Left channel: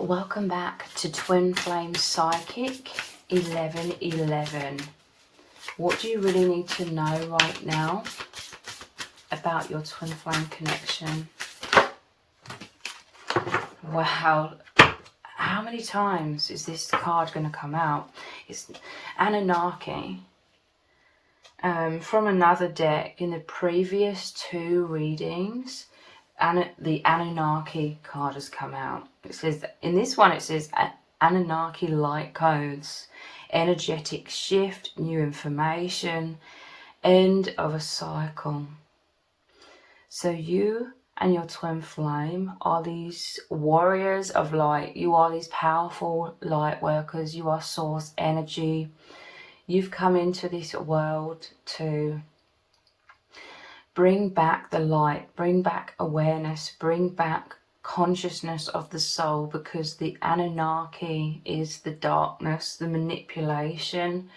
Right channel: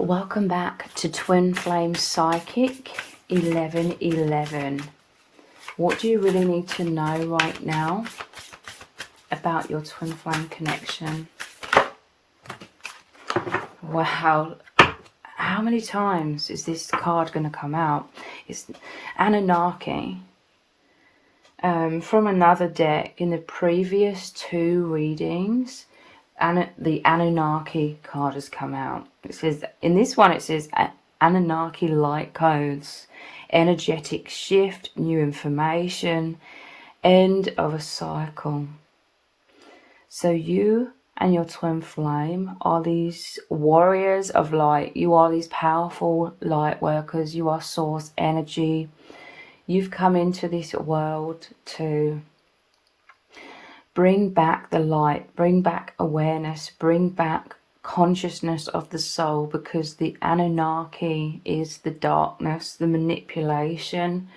Welcome back to Twin Flame Psychic 1111. What do you really need to know right now about your twin flame connection? Wow, how many times is this card going to come out? It's Anunnaki. From another deck, in the previous two readings, the Anunnaki card has come out. It says, in this one it says Anunnaki light codes, energetic shift, new information, end of a cycle. So you and your twin flame are these warriors of light. You are these powerful light workers. You are source energy. You've come into this world to bring back the light, bring back awareness, bring back consciousness of the soul, because the Anunnaki is the darkness, the manipulation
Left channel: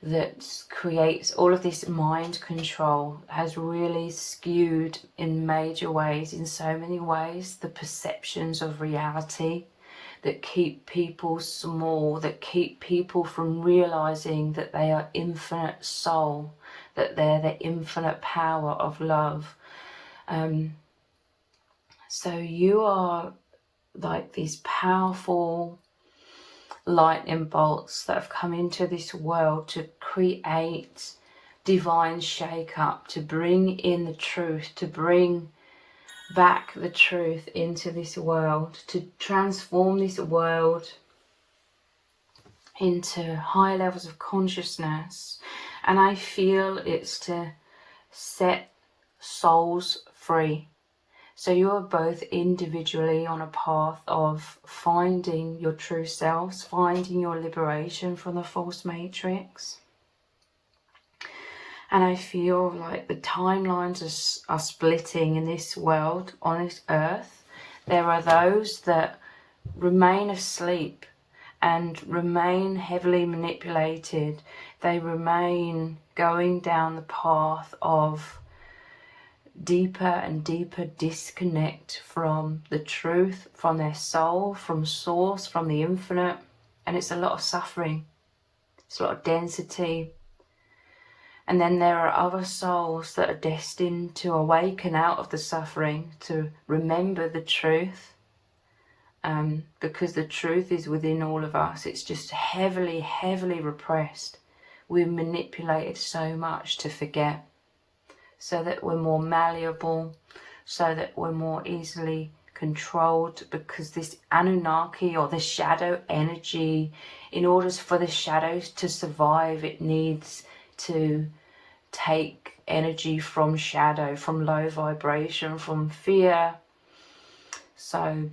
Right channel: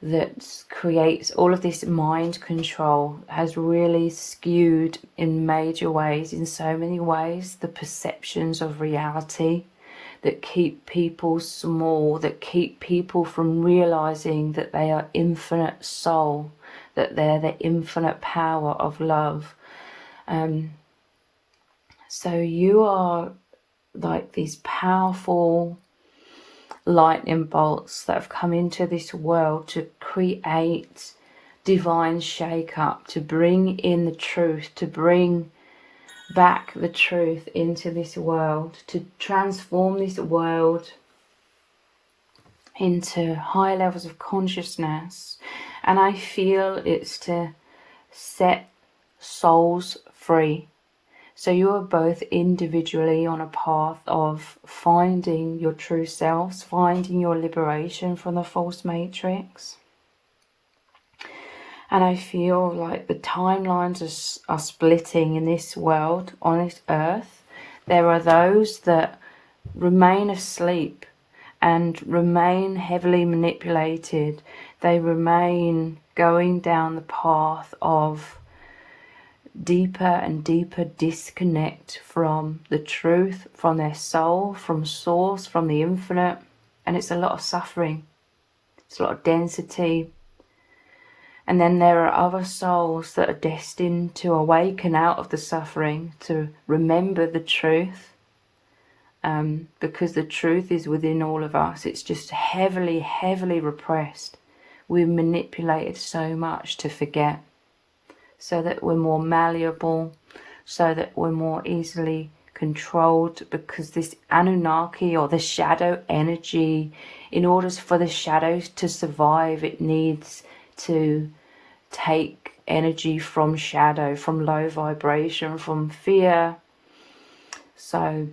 that creates all of this mind control, has really skewed in major ways, in so many ways, the perceptions of reality, that keep people small, that keep people from realizing that they are infinite soul, that they're the infinite power of love. So you are like these powerful lightning bolts that have come into this world to create divine shake-up, to bring in the truth, to bring back the truth into this world, to transform this world into high levels of consciousness. And I feel it's to set souls free. So you are both individually on a path of finding your true selves, finding your liberation from the false matrix. And I feel like the timelines are splitting in this world, on this earth. There are those that remain asleep and remain heavily manipulated. They remain going down the path of deeper and deeper disconnect from the truth, from their soul, from source, from the infinite. And it's a lot of suffering. It's a lot of density. And then there are other souls that are destined to awaken out of the suffering, to remember the truth, because the truth is within all of us. It's just heavily, heavily repressed. We're manipulated so much to forget, so that we're more malleable, so that we're more easily controlled, because this Anunnaki, or the shadow energy, in order for the shadows to survive, it needs to take energy from shadow, from low vibration, from fear. So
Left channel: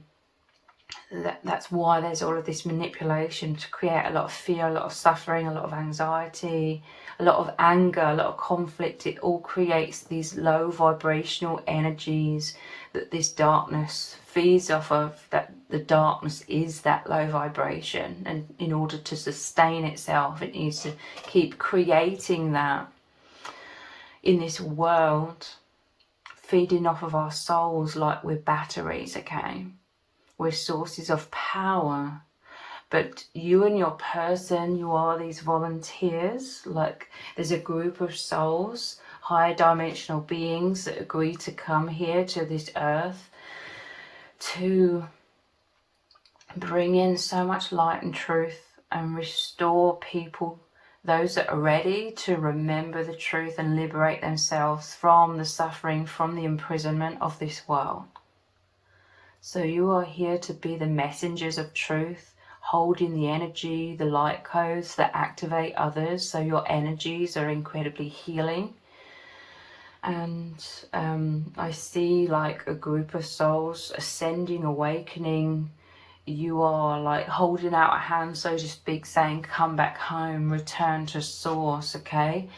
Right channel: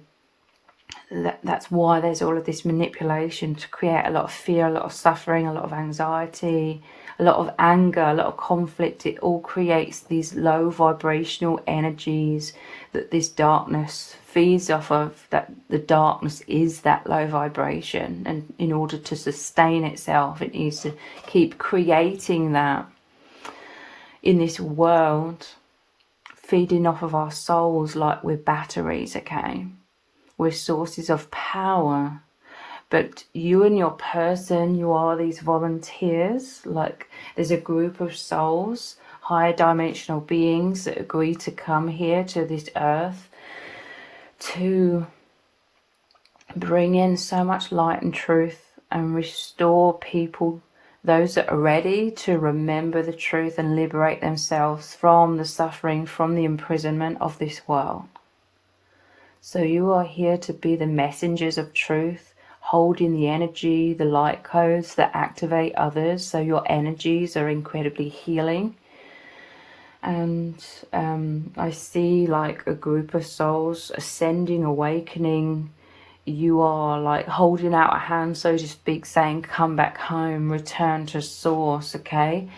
that's why there's all of this manipulation, to create a lot of fear, a lot of suffering, a lot of anxiety, a lot of anger, a lot of conflict. It all creates these low vibrational energies that this darkness feeds off of. That the darkness is that low vibration, and in order to sustain itself, it needs to keep creating that in this world, feeding off of our souls like we're batteries, okay? We're sources of power. But you and your person, you are these volunteers. Like, there's a group of souls, higher dimensional beings, that agree to come here to this earth to bring in so much light and truth and restore people, those that are ready to remember the truth and liberate themselves from the suffering, from the imprisonment of this world. So you are here to be the messengers of truth, holding the energy, the light codes that activate others. So your energies are incredibly healing. And I see like a group of souls ascending, awakening. You are like holding out a hand, so to speak, saying, come back home, return to source, okay?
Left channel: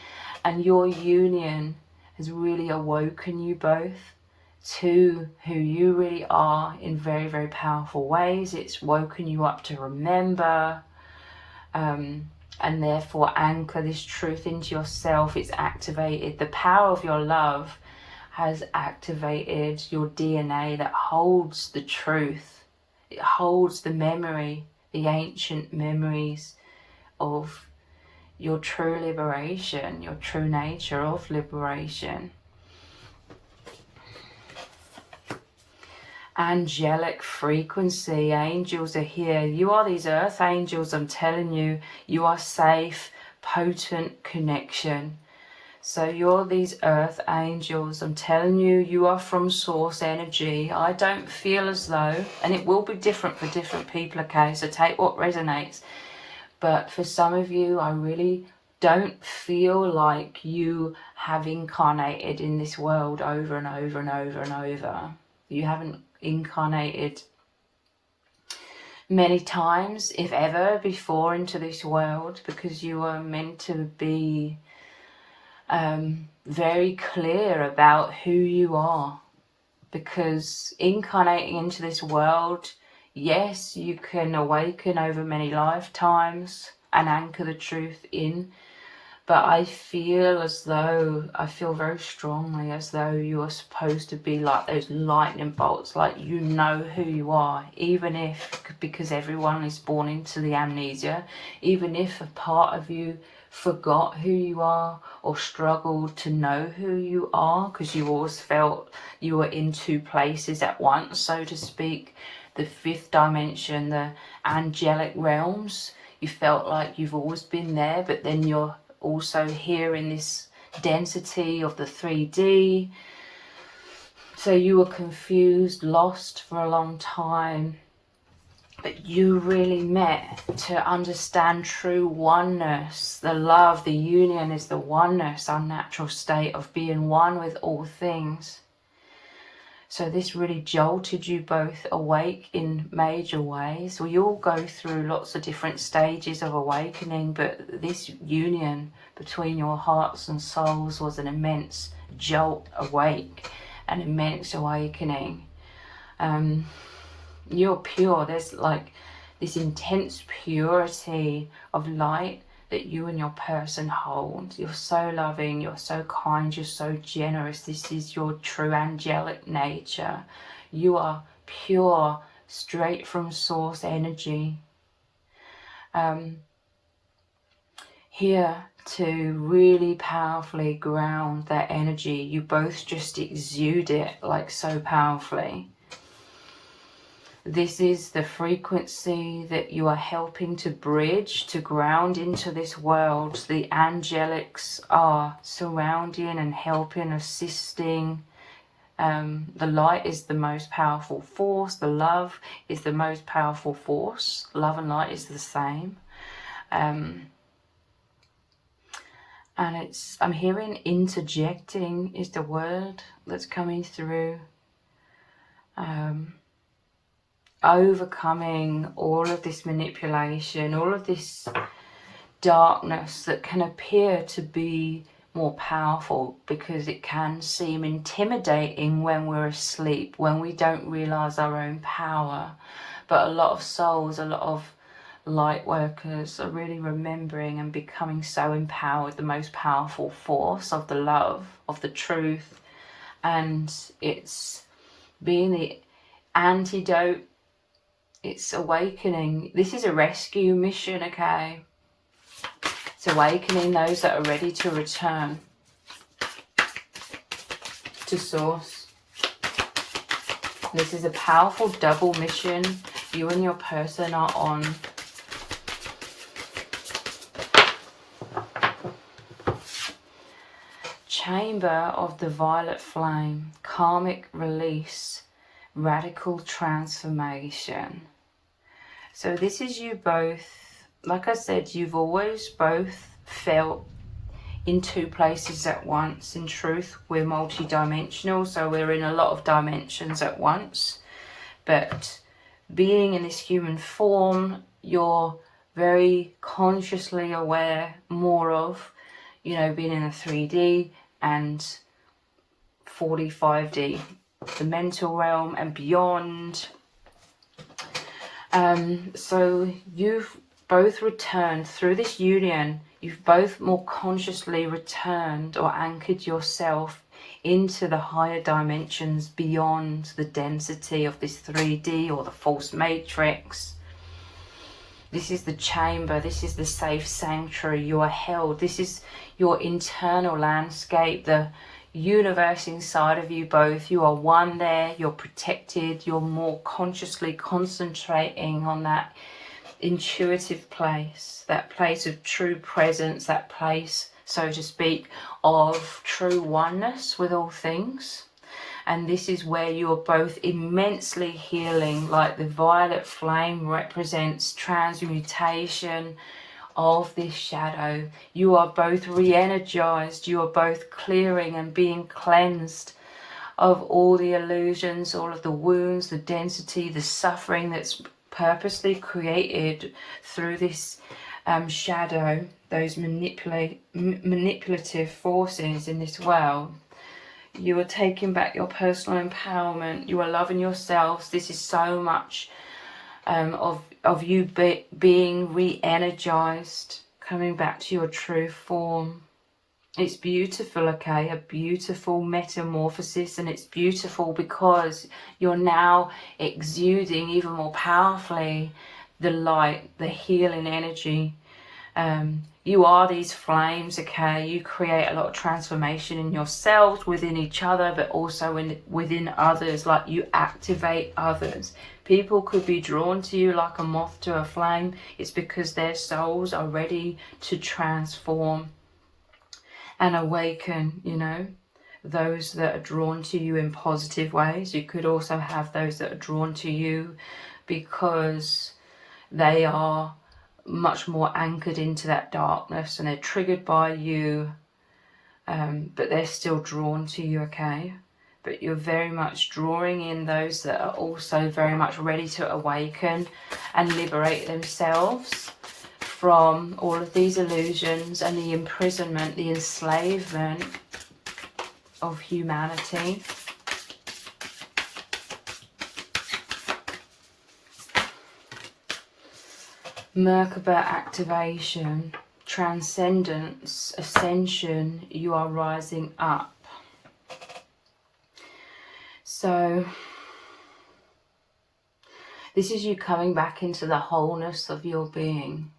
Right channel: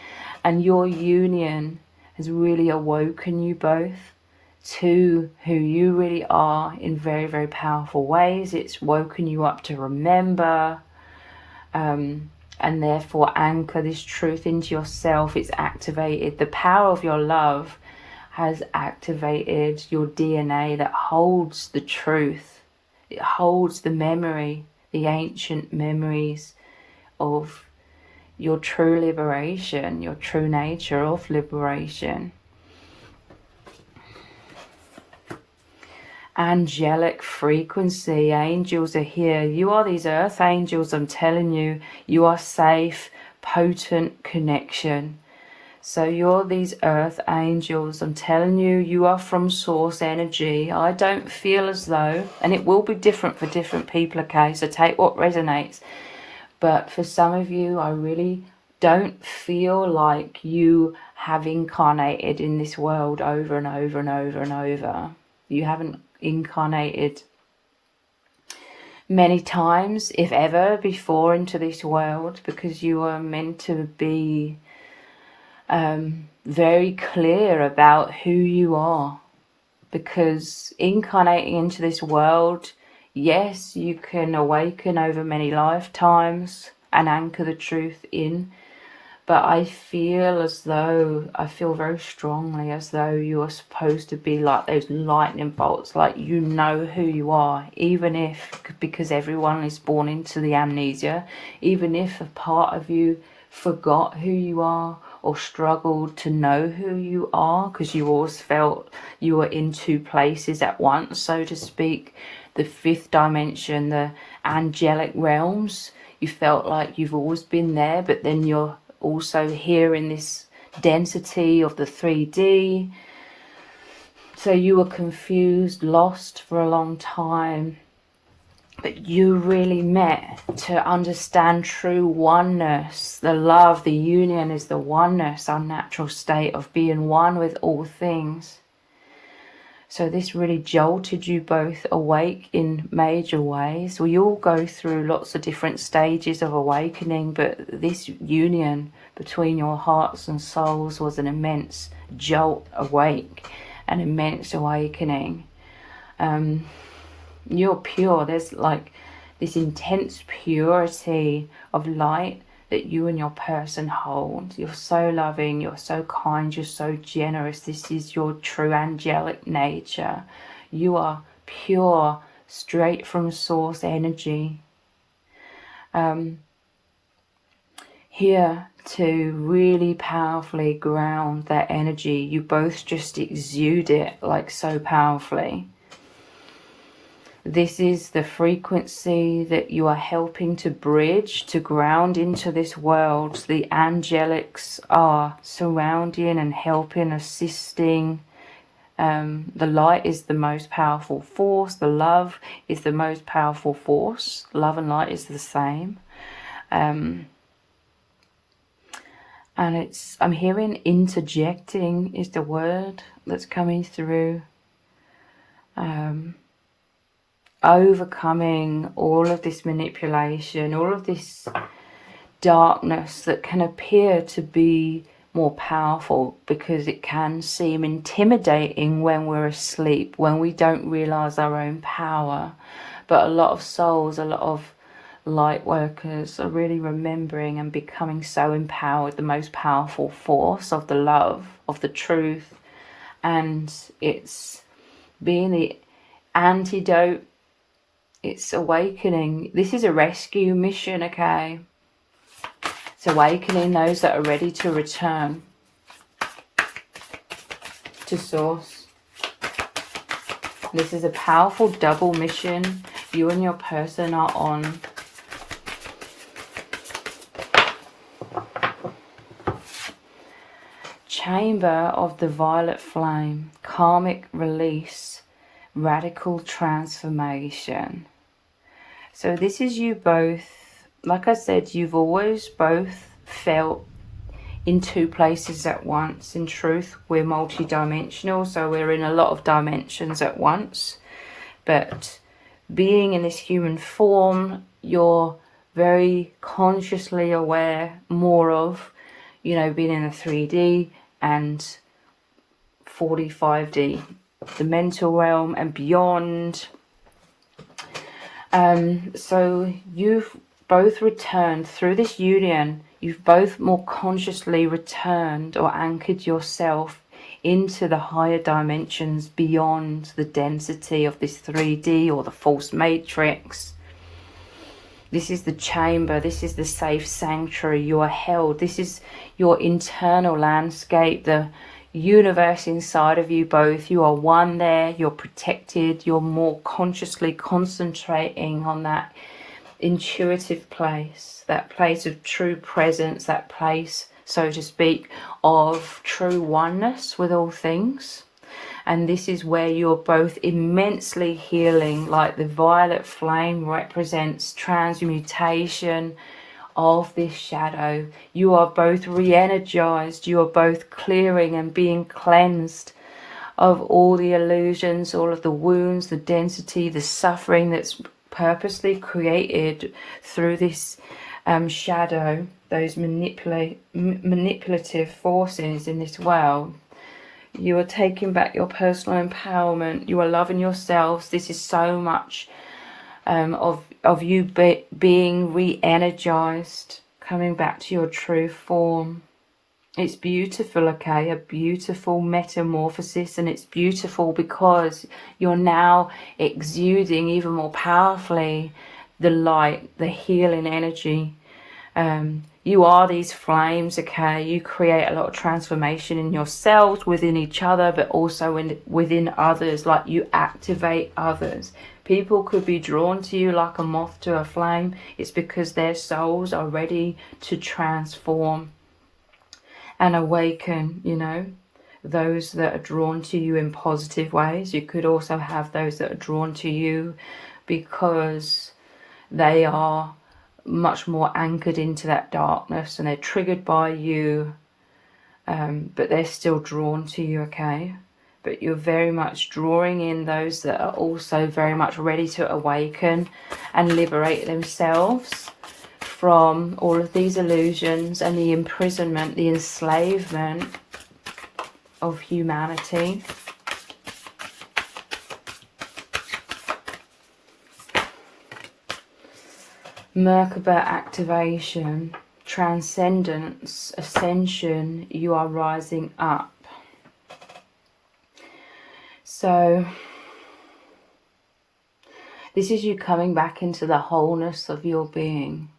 And your union has really awoken you both to who you really are in very, very powerful ways. It's woken you up to remember, and therefore anchor this truth into yourself. It's activated the power of your love, has activated your DNA that holds the truth It holds the memory, the ancient memories of your true liberation, your true nature of liberation. Angelic frequency, angels are here. You are these earth angels, I'm telling you. You are safe, potent connection. So you're these earth angels, I'm telling you, you are from source energy. I don't feel as though, and it will be different for different people, okay, so take what resonates. But for some of you, I really don't feel like you have incarnated in this world over and over and over and over. You haven't incarnated many times, if ever, before into this world, because you are meant to be very clear about who you are. Because incarnating into this world, yes, you can awaken over many lifetimes and anchor the truth in, but I feel very strongly as though you are supposed to be like those lightning bolts, like you know who you are, even if, because everyone is born into the amnesia, even if a part of you forgot who you are or struggled to know who you are, because you always felt you were in two places at once, so to speak. The fifth dimension, the angelic realms, you felt like you've always been there, but then you're also here in this density of the 3D. So you were confused, lost for a long time, but you really met to understand true oneness. The love, the union is the oneness, our natural state of being one with all things. So this really jolted you both awake in major ways. We all go through lots of different stages of awakening, but this union between your hearts and souls was an immense jolt awake, an immense awakening. You're pure. There's like this intense purity of light that you and your person hold. You're so loving, you're so kind, you're so generous. This is your true angelic nature. You are pure, straight from source energy. Here to really powerfully ground that energy. You both just exude it like so powerfully. This is the frequency that you are helping to bridge, to ground into this world. The angelics are surrounding and helping, assisting. The light is the most powerful force. The love is the most powerful force. Love and light is the same. And I'm hearing interjecting is the word that's coming through. Overcoming all of this manipulation, all of this darkness that can appear to be more powerful, because it can seem intimidating when we're asleep, when we don't realize our own power. But a lot of souls, a lot of light workers are really remembering and becoming so empowered, the most powerful force of the love, of the truth, and it's being the antidote. It's awakening. This is a rescue mission, okay? It's awakening those that are ready to return to source. This is a powerful double mission you and your person are on. Chamber of the violet flame, karmic release, radical transformation. So this is you both, like I said, you've always both felt in two places at once. In truth, we're multi-dimensional, so we're in a lot of dimensions at once. But being in this human form, you're very consciously aware more of, you know, being in a 3D and 45D, the mental realm and beyond. So you've both returned through this union. You've both more consciously returned or anchored yourself into the higher dimensions beyond the density of this 3D or the false matrix. This is the chamber, this is the safe sanctuary. You are held. This is your internal landscape, the universe inside of you both. You are one there, you're protected, you're more consciously concentrating on that intuitive place, that place of true presence, that place, so to speak, of true oneness with all things. And this is where you're both immensely healing, like the violet flame represents transmutation of this shadow. You are both re-energized, you are both clearing and being cleansed of all the illusions, all of the wounds, the density, the suffering that's purposely created through this shadow, those manipulative forces in this world. You are taking back your personal empowerment. You are loving yourselves. This is so much of you being re-energized, coming back to your true form. It's beautiful, okay? A beautiful metamorphosis, and it's beautiful because you're now exuding even more powerfully the light, the healing energy. You are these flames, okay? You create a lot of transformation in yourselves, within each other, but also within others. Like, you activate others. People could be drawn to you like a moth to a flame. It's because their souls are ready to transform and awaken, you know. Those that are drawn to you in positive ways. You could also have those that are drawn to you because they are much more anchored into that darkness and they're triggered by you, but they're still drawn to you, okay? But you're very much drawing in those that are also very much ready to awaken and liberate themselves from all of these illusions and the imprisonment, the enslavement of humanity. Merkaba activation, transcendence, ascension, you are rising up. So this is you coming back into the wholeness of your being.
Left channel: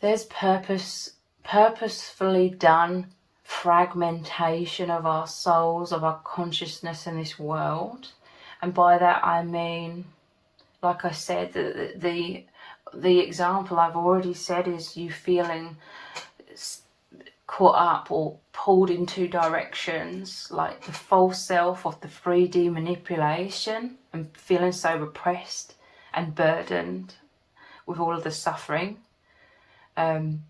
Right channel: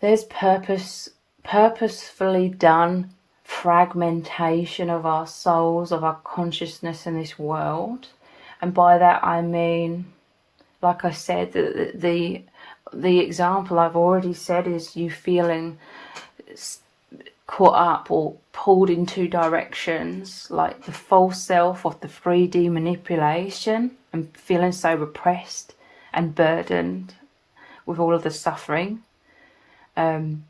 There's purposefully done fragmentation of our souls, of our consciousness in this world. And by that I mean, like I said, the example I've already said is you feeling caught up or pulled in two directions, like the false self of the 3D manipulation, and feeling so repressed and burdened with all of the suffering, and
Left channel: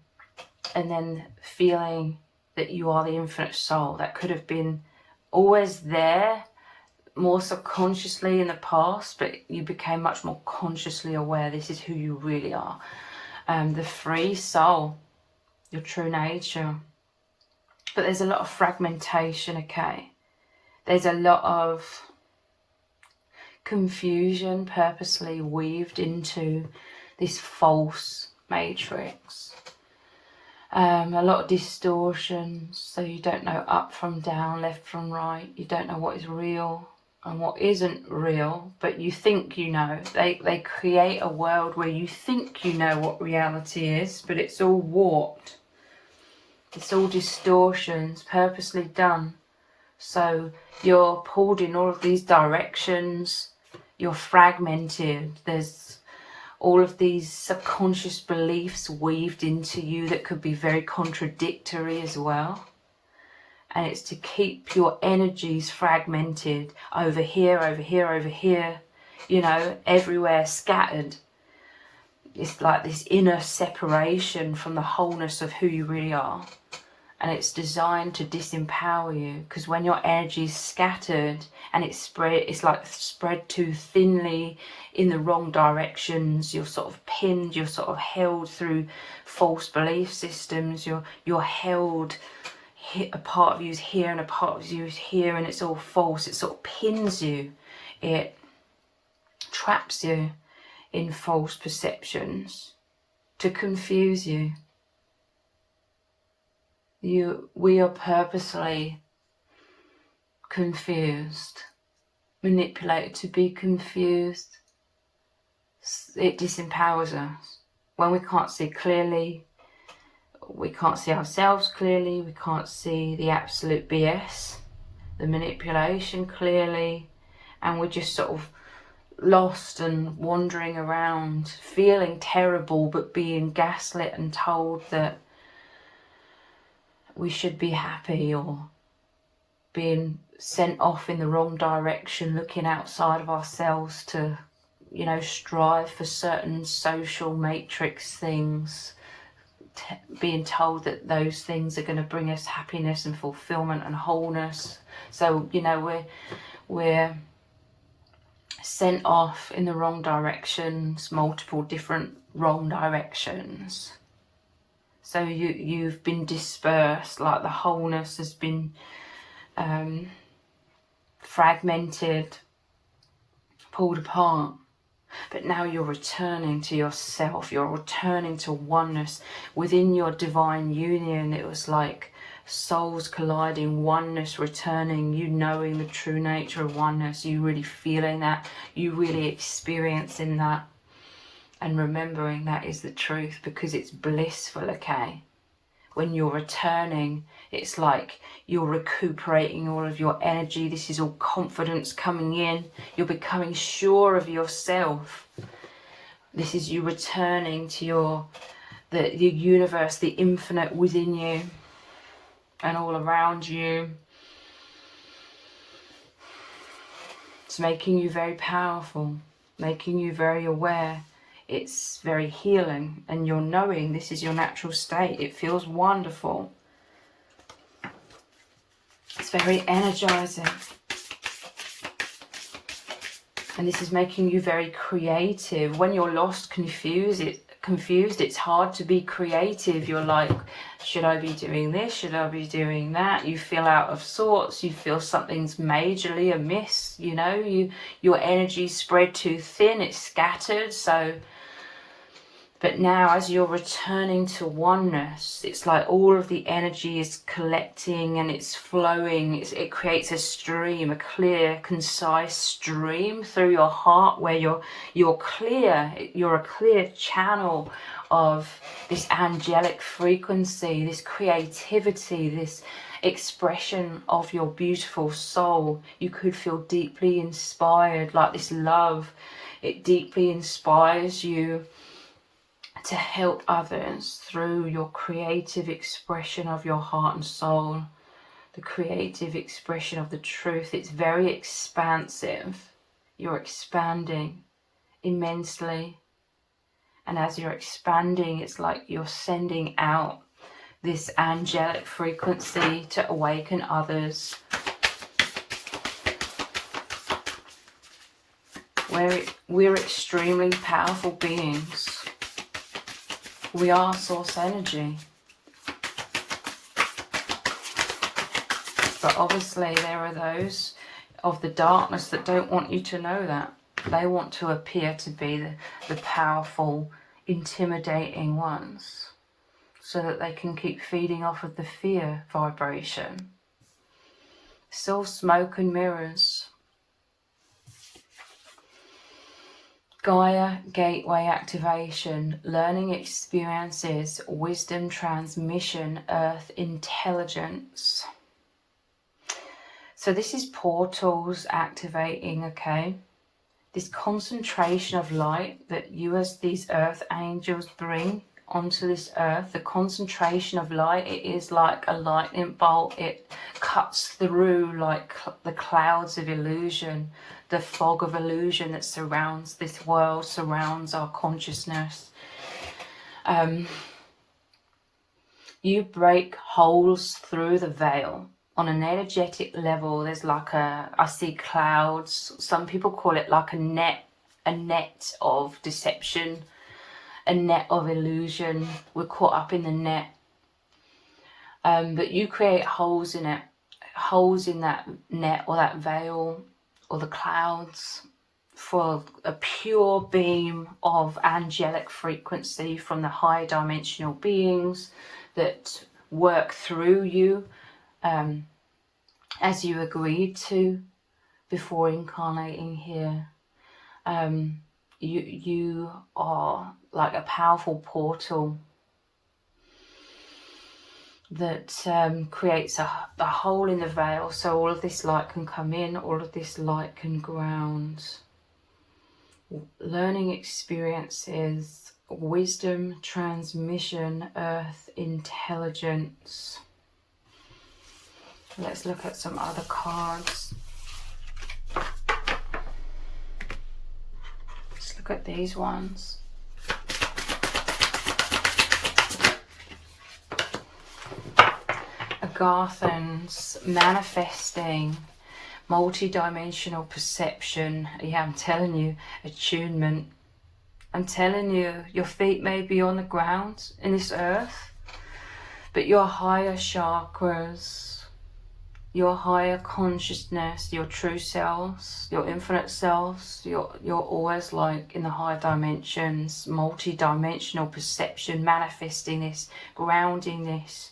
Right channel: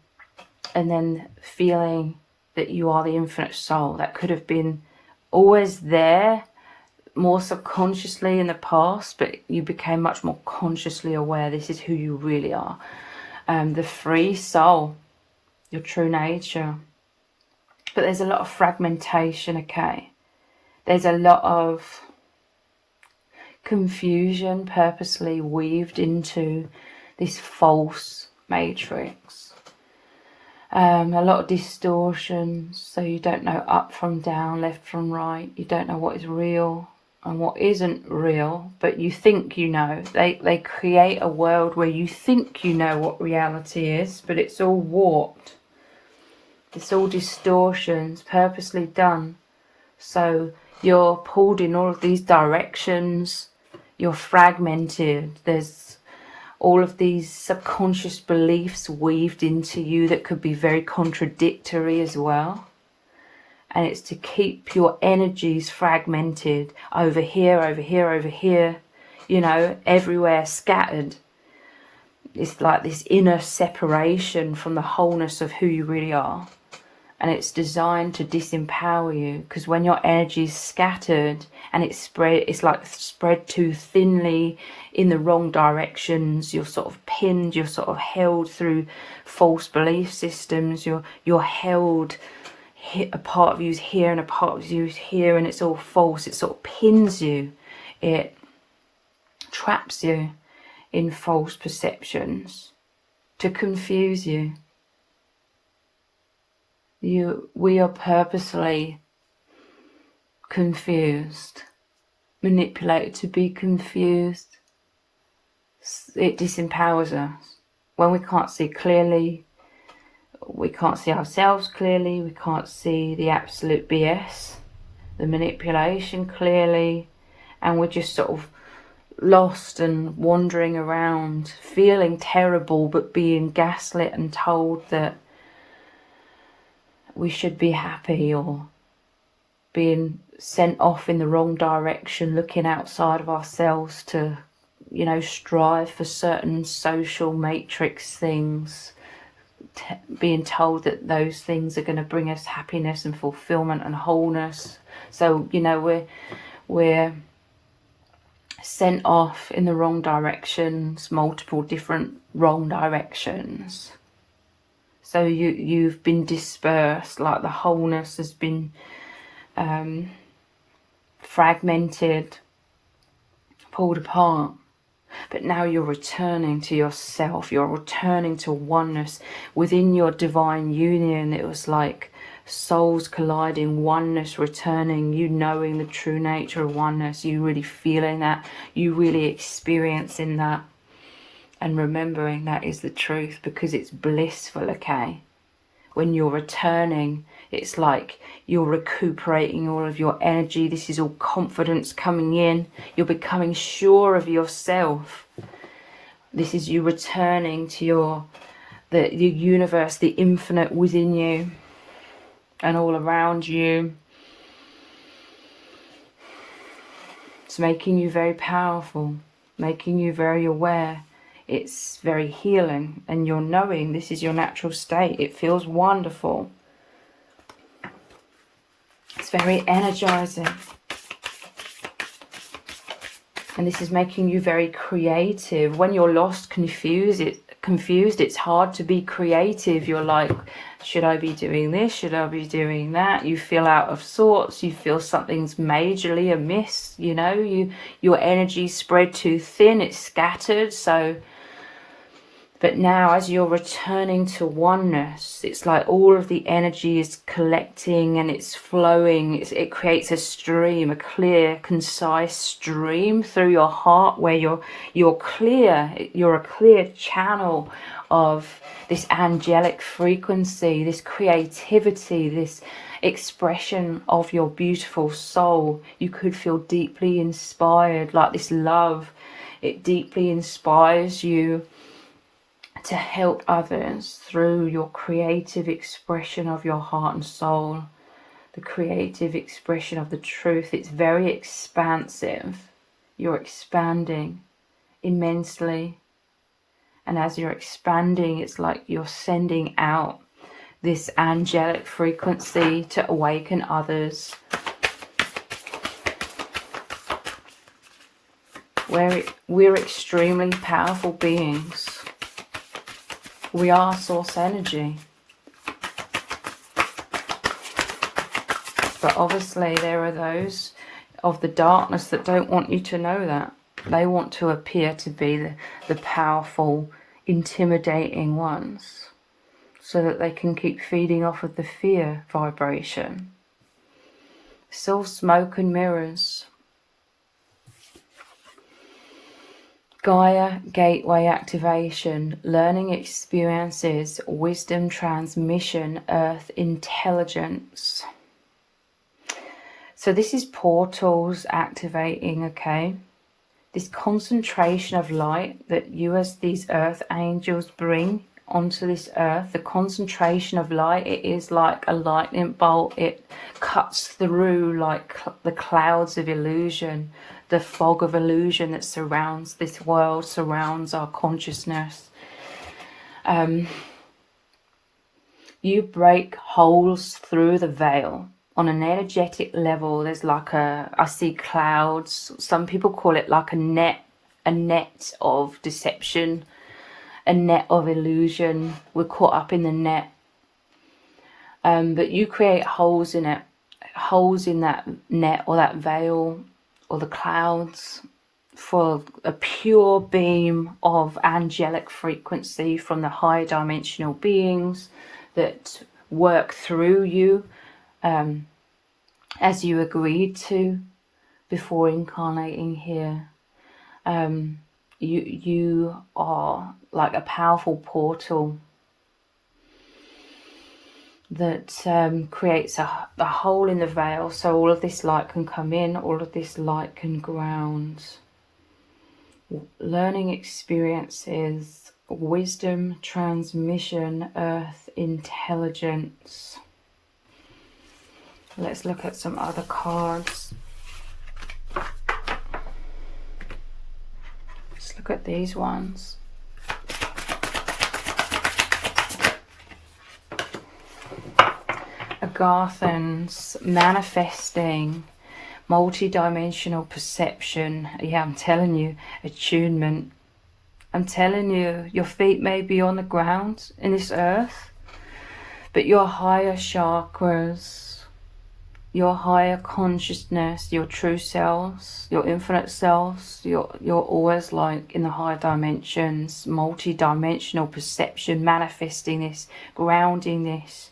then feeling that you are the infinite soul that could have been always there, more subconsciously in the past, but you became much more consciously aware this is who you really are. The free soul, your true nature. But there's a lot of fragmentation, okay? There's a lot of confusion purposely weaved into this false matrix. A lot of distortions, so you don't know up from down, left from right. You don't know what is real and what isn't real, but you think you know. They create a world where you think you know what reality is, but it's all warped. It's all distortions, purposely done. So you're pulled in all of these directions. You're fragmented. There's all of these subconscious beliefs weaved into you that could be very contradictory as well. And it's to keep your energies fragmented over here, over here, over here, you know, everywhere, scattered. It's like this inner separation from the wholeness of who you really are. And it's designed to disempower you, because when your energy is scattered and it's like spread too thinly in the wrong directions, you're sort of pinned, you're sort of held through false belief systems, you're held, a part of you is here and a part of you is here, and it's all false. It sort of pins you, it traps you in false perceptions to confuse you. We are purposely confused, manipulated to be confused. It disempowers us. When we can't see clearly, we can't see ourselves clearly, we can't see the absolute BS, the manipulation clearly, and we're just sort of lost and wandering around, feeling terrible, but being gaslit and told that we should be happy, or being sent off in the wrong direction, looking outside of ourselves to, you know, strive for certain social matrix things, being told that those things are going to bring us happiness and fulfillment and wholeness. So, you know, we're sent off in the wrong directions, multiple different wrong directions. So you've been dispersed, like the wholeness has been fragmented, pulled apart. But now you're returning to yourself, you're returning to oneness within your divine union. It was like souls colliding, oneness returning, you knowing the true nature of oneness, you really feeling that, you really experiencing that, and remembering that is the truth, because it's blissful, okay? When you're returning, it's like you're recuperating all of your energy. This is all confidence coming in. You're becoming sure of yourself. This is you returning to the universe, the infinite within you and all around you. It's making you very powerful, making you very aware. It's very healing, and you're knowing this is your natural state. It feels wonderful. It's very energizing. And this is making you very creative. When you're lost, confused, it's hard to be creative. You're like, should I be doing this? Should I be doing that? You feel out of sorts. You feel something's majorly amiss. You know, your energy's spread too thin. It's scattered. But now, as you're returning to oneness, it's like all of the energy is collecting and it's flowing. It creates a stream, a clear, concise stream through your heart, where you're clear. You're a clear channel of this angelic frequency, this creativity, this expression of your beautiful soul. You could feel deeply inspired, like this love. It deeply inspires you to help others through your creative expression of your heart and soul, the creative expression of the truth. It's very expansive. You're expanding immensely. And as you're expanding, it's like you're sending out this angelic frequency to awaken others. We're extremely powerful beings. We are source energy. But obviously there are those of the darkness that don't want you to know that. They want to appear to be the powerful, intimidating ones, so that they can keep feeding off of the fear vibration. It's all smoke and mirrors. Gaia gateway activation, learning experiences, wisdom transmission, earth intelligence. So this is portals activating, okay? This concentration of light that you as these earth angels bring onto this earth, the concentration of light, it is like a lightning bolt. It cuts through like the clouds of illusion, the fog of illusion that surrounds this world, surrounds our consciousness. You break holes through the veil. On an energetic level, there's like I see clouds. Some people call it like a net of deception, a net of illusion. We're caught up in the net. But you create holes in it, holes in that net or that veil or the clouds, for a pure beam of angelic frequency from the high dimensional beings that work through you as you agreed to before incarnating here. You are like a powerful portal that creates a hole in the veil, so all of this light can come in, all of this light can ground. Learning experiences, wisdom, transmission, earth, intelligence. Let's look at some other cards. Let's look at these ones. Agathans, manifesting, multi-dimensional perception. Yeah, I'm telling you, attunement. I'm telling you, your feet may be on the ground in this earth, but your higher chakras, your higher consciousness, your true selves, your infinite selves, you're always like in the higher dimensions, multi-dimensional perception, manifesting this, grounding this.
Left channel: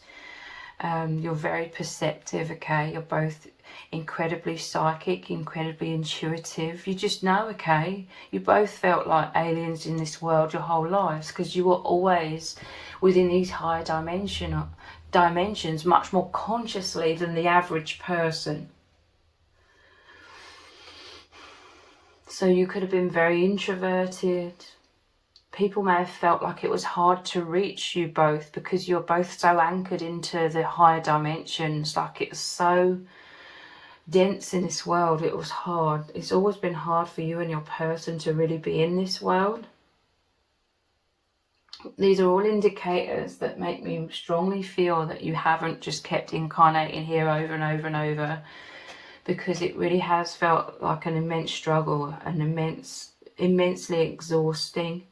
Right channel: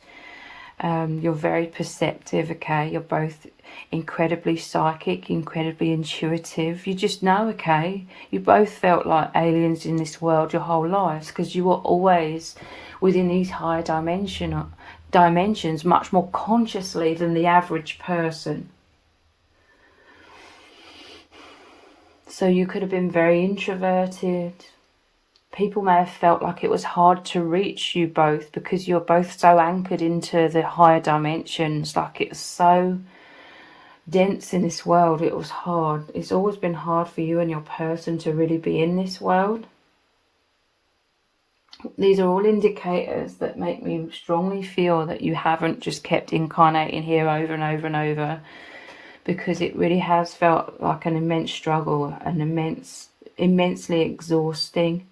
You're very perceptive, okay? You're both incredibly psychic, incredibly intuitive. You just know, okay? You both felt like aliens in this world your whole lives because you were always within these higher dimensions much more consciously than the average person. So you could have been very introverted. People may have felt like it was hard to reach you both because you're both so anchored into the higher dimensions, like it's so dense in this world. It was hard. It's always been hard for you and your person to really be in this world. These are all indicators that make me strongly feel that you haven't just kept incarnating here over and over and over, because it really has felt like an immense struggle, an immensely exhausting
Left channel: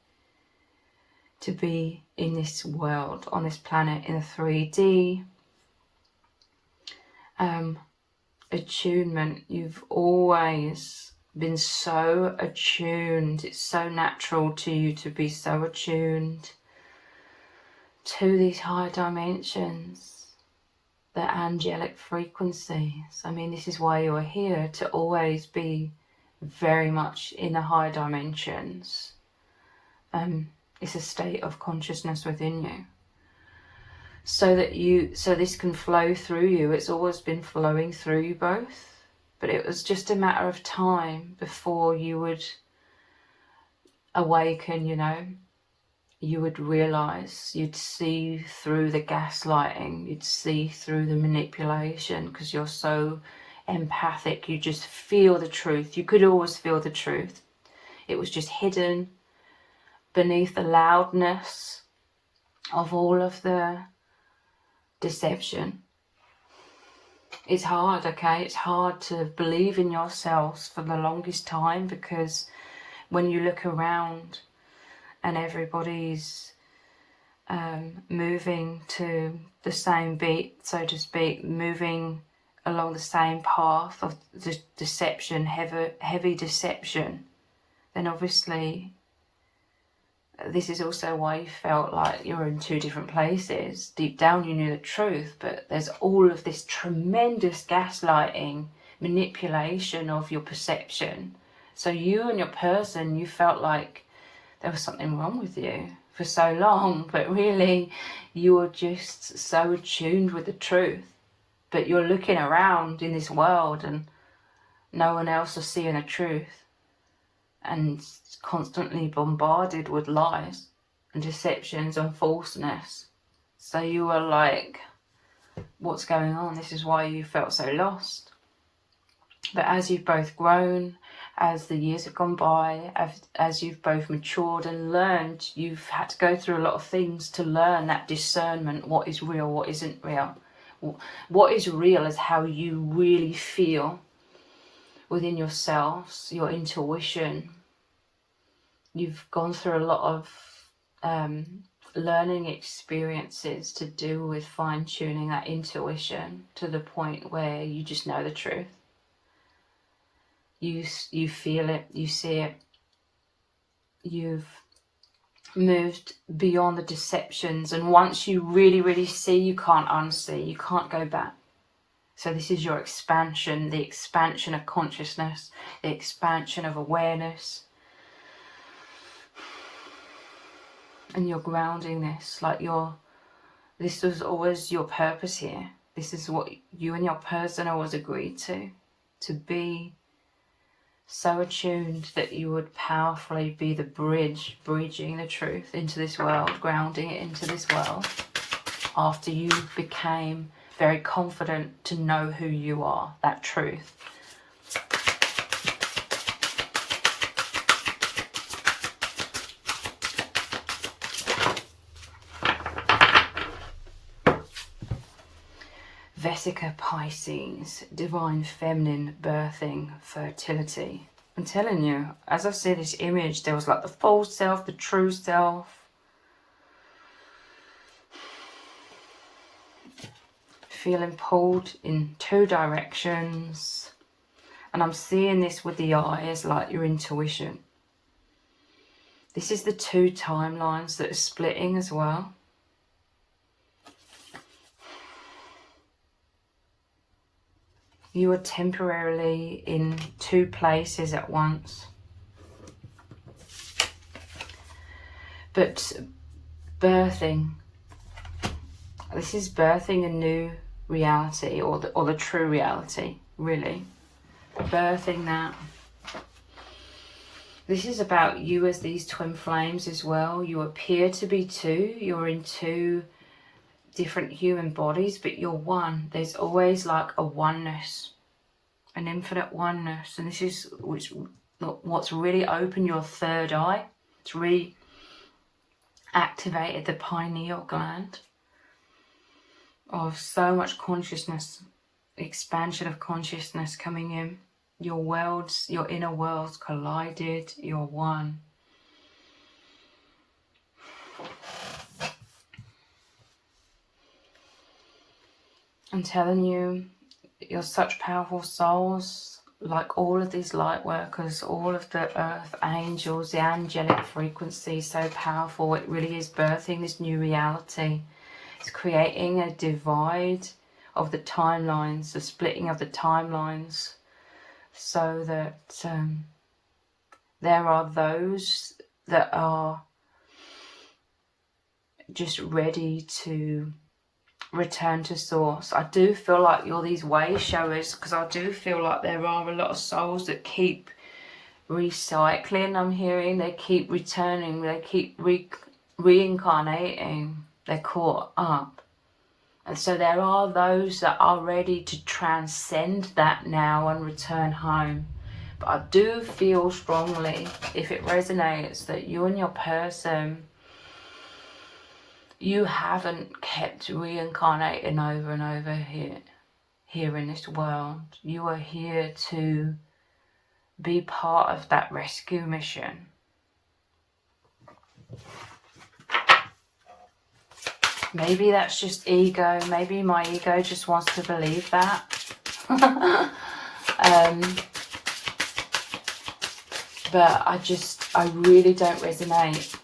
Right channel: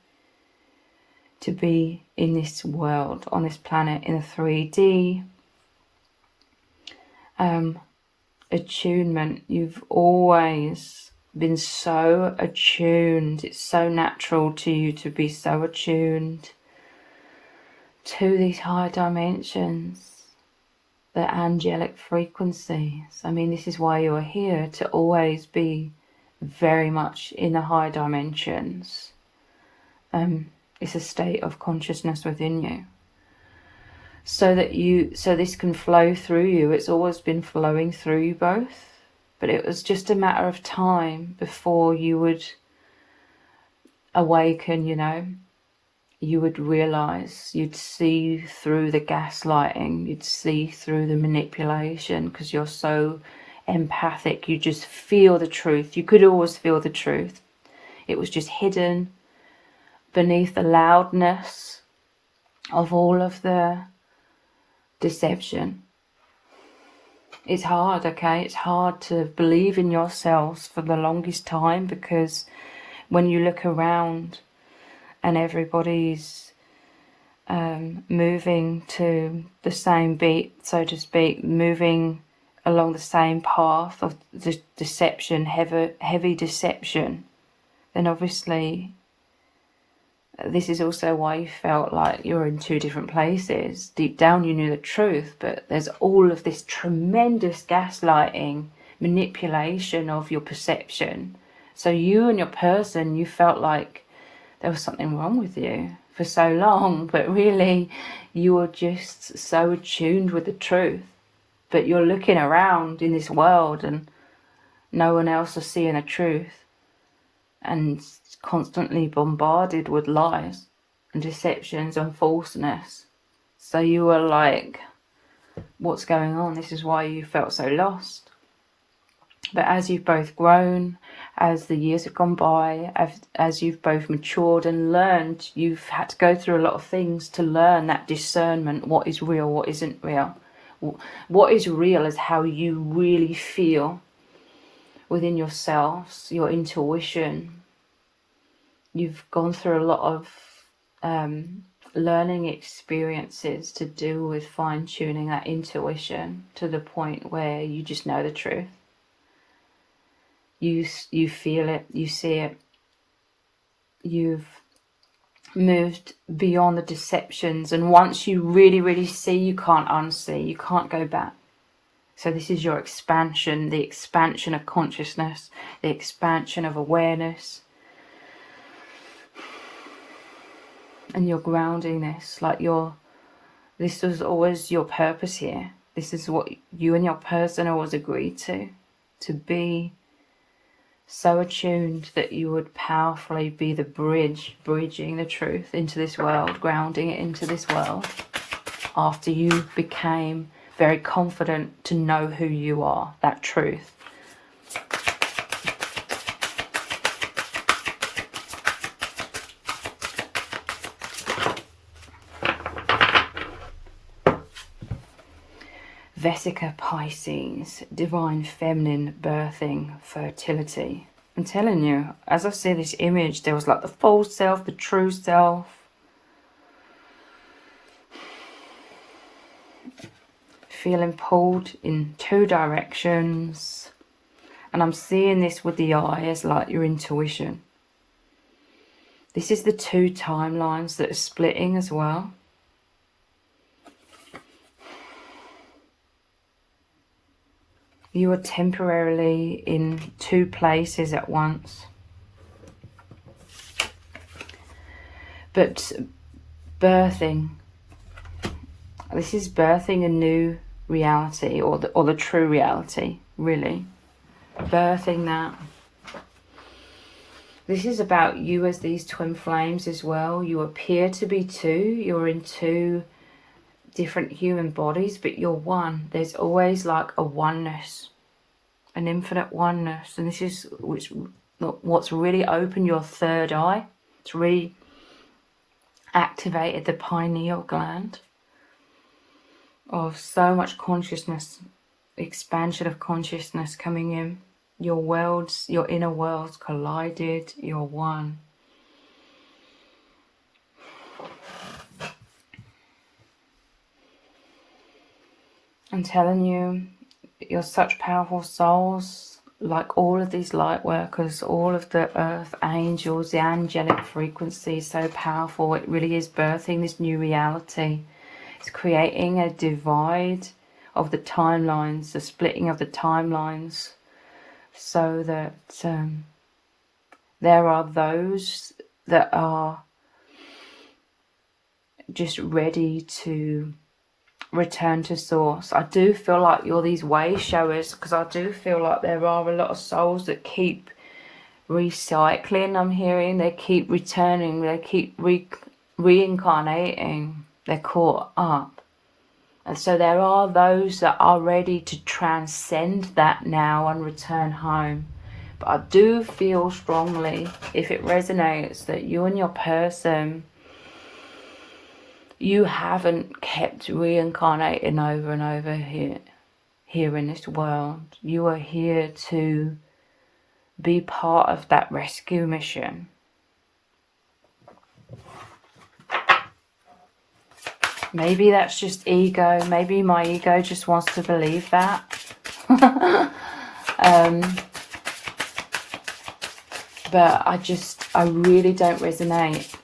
to be in this world, on this planet, in a 3D. Attunement. You've always been so attuned. It's so natural to you to be so attuned to these higher dimensions, the angelic frequencies. I mean, this is why you are here, to always be very much in the higher dimensions. It's a state of consciousness within you, so this can flow through you. It's always been flowing through you both, but it was just a matter of time before you would awaken, you know. You would realize, you'd see through the gaslighting, you'd see through the manipulation, because you're so empathic. You just feel the truth. You could always feel the truth. It was just hidden beneath the loudness of all of the deception. It's hard, okay? It's hard to believe in yourselves for the longest time, because when you look around and everybody's moving to the same beat, so to speak, moving along the same path of deception, heavy deception, then obviously this is also why you felt like you're in two different places. Deep down you knew the truth, but there's all of this tremendous gaslighting, manipulation of your perception. So you and your person, you felt like there was something wrong with you for so long, but really you were just so attuned with the truth. But you're looking around in this world and no one else is seeing the truth, and constantly bombarded with lies and deceptions and falseness. So you were like, what's going on? This is why you felt so lost. But as you've both grown, as the years have gone by, as you've both matured and learned, you've had to go through a lot of things to learn that discernment, what is real, what isn't real. What is real is how you really feel within yourselves, your intuition. You've gone through a lot of learning experiences to do with fine-tuning that intuition to the point where you just know the truth. You feel it, you see it. You've moved beyond the deceptions, and once you really see, you can't unsee, you can't go back. So this is your expansion, the expansion of consciousness, the expansion of awareness. And you're grounding this, like this was always your purpose here. This is what you and your person always agreed to be so attuned that you would powerfully be the bridge, bridging the truth into this world, grounding it into this world, after you became very confident to know who you are, that truth. Vesica Pisces, divine feminine, birthing, fertility. I'm telling you, as I see this image, there was like the false self, the true self. Feeling pulled in two directions. And I'm seeing this with the eye as like your intuition. This is the two timelines that are splitting as well. You are temporarily in two places at once. But birthing, this is birthing a new reality, or the true reality, really. Birthing that. This is about you as these twin flames as well. You appear to be two. You're in two different human bodies, but you're one. There's always like a oneness, an infinite oneness. And this is what's really opened your third eye. It's really activated the pineal gland of so much consciousness, expansion of consciousness coming in. Your worlds, your inner worlds collided. You're one. I'm telling you, you're such powerful souls, like all of these light workers, all of the earth angels, the angelic frequency, so powerful. It really is birthing this new reality. It's creating a divide of the timelines, the splitting of the timelines, so that there are those that are just ready to return to source. I do feel like you're these way showers, because I do feel like there are a lot of souls that keep recycling. I'm hearing they keep returning, they keep reincarnating, they're caught up. And so there are those that are ready to transcend that now and return home. But I do feel strongly, if it resonates, that you and your person, you haven't kept reincarnating over and over here in this world. You are here to be part of that rescue mission. Maybe that's just ego. Maybe my ego just wants to believe that. But I really don't resonate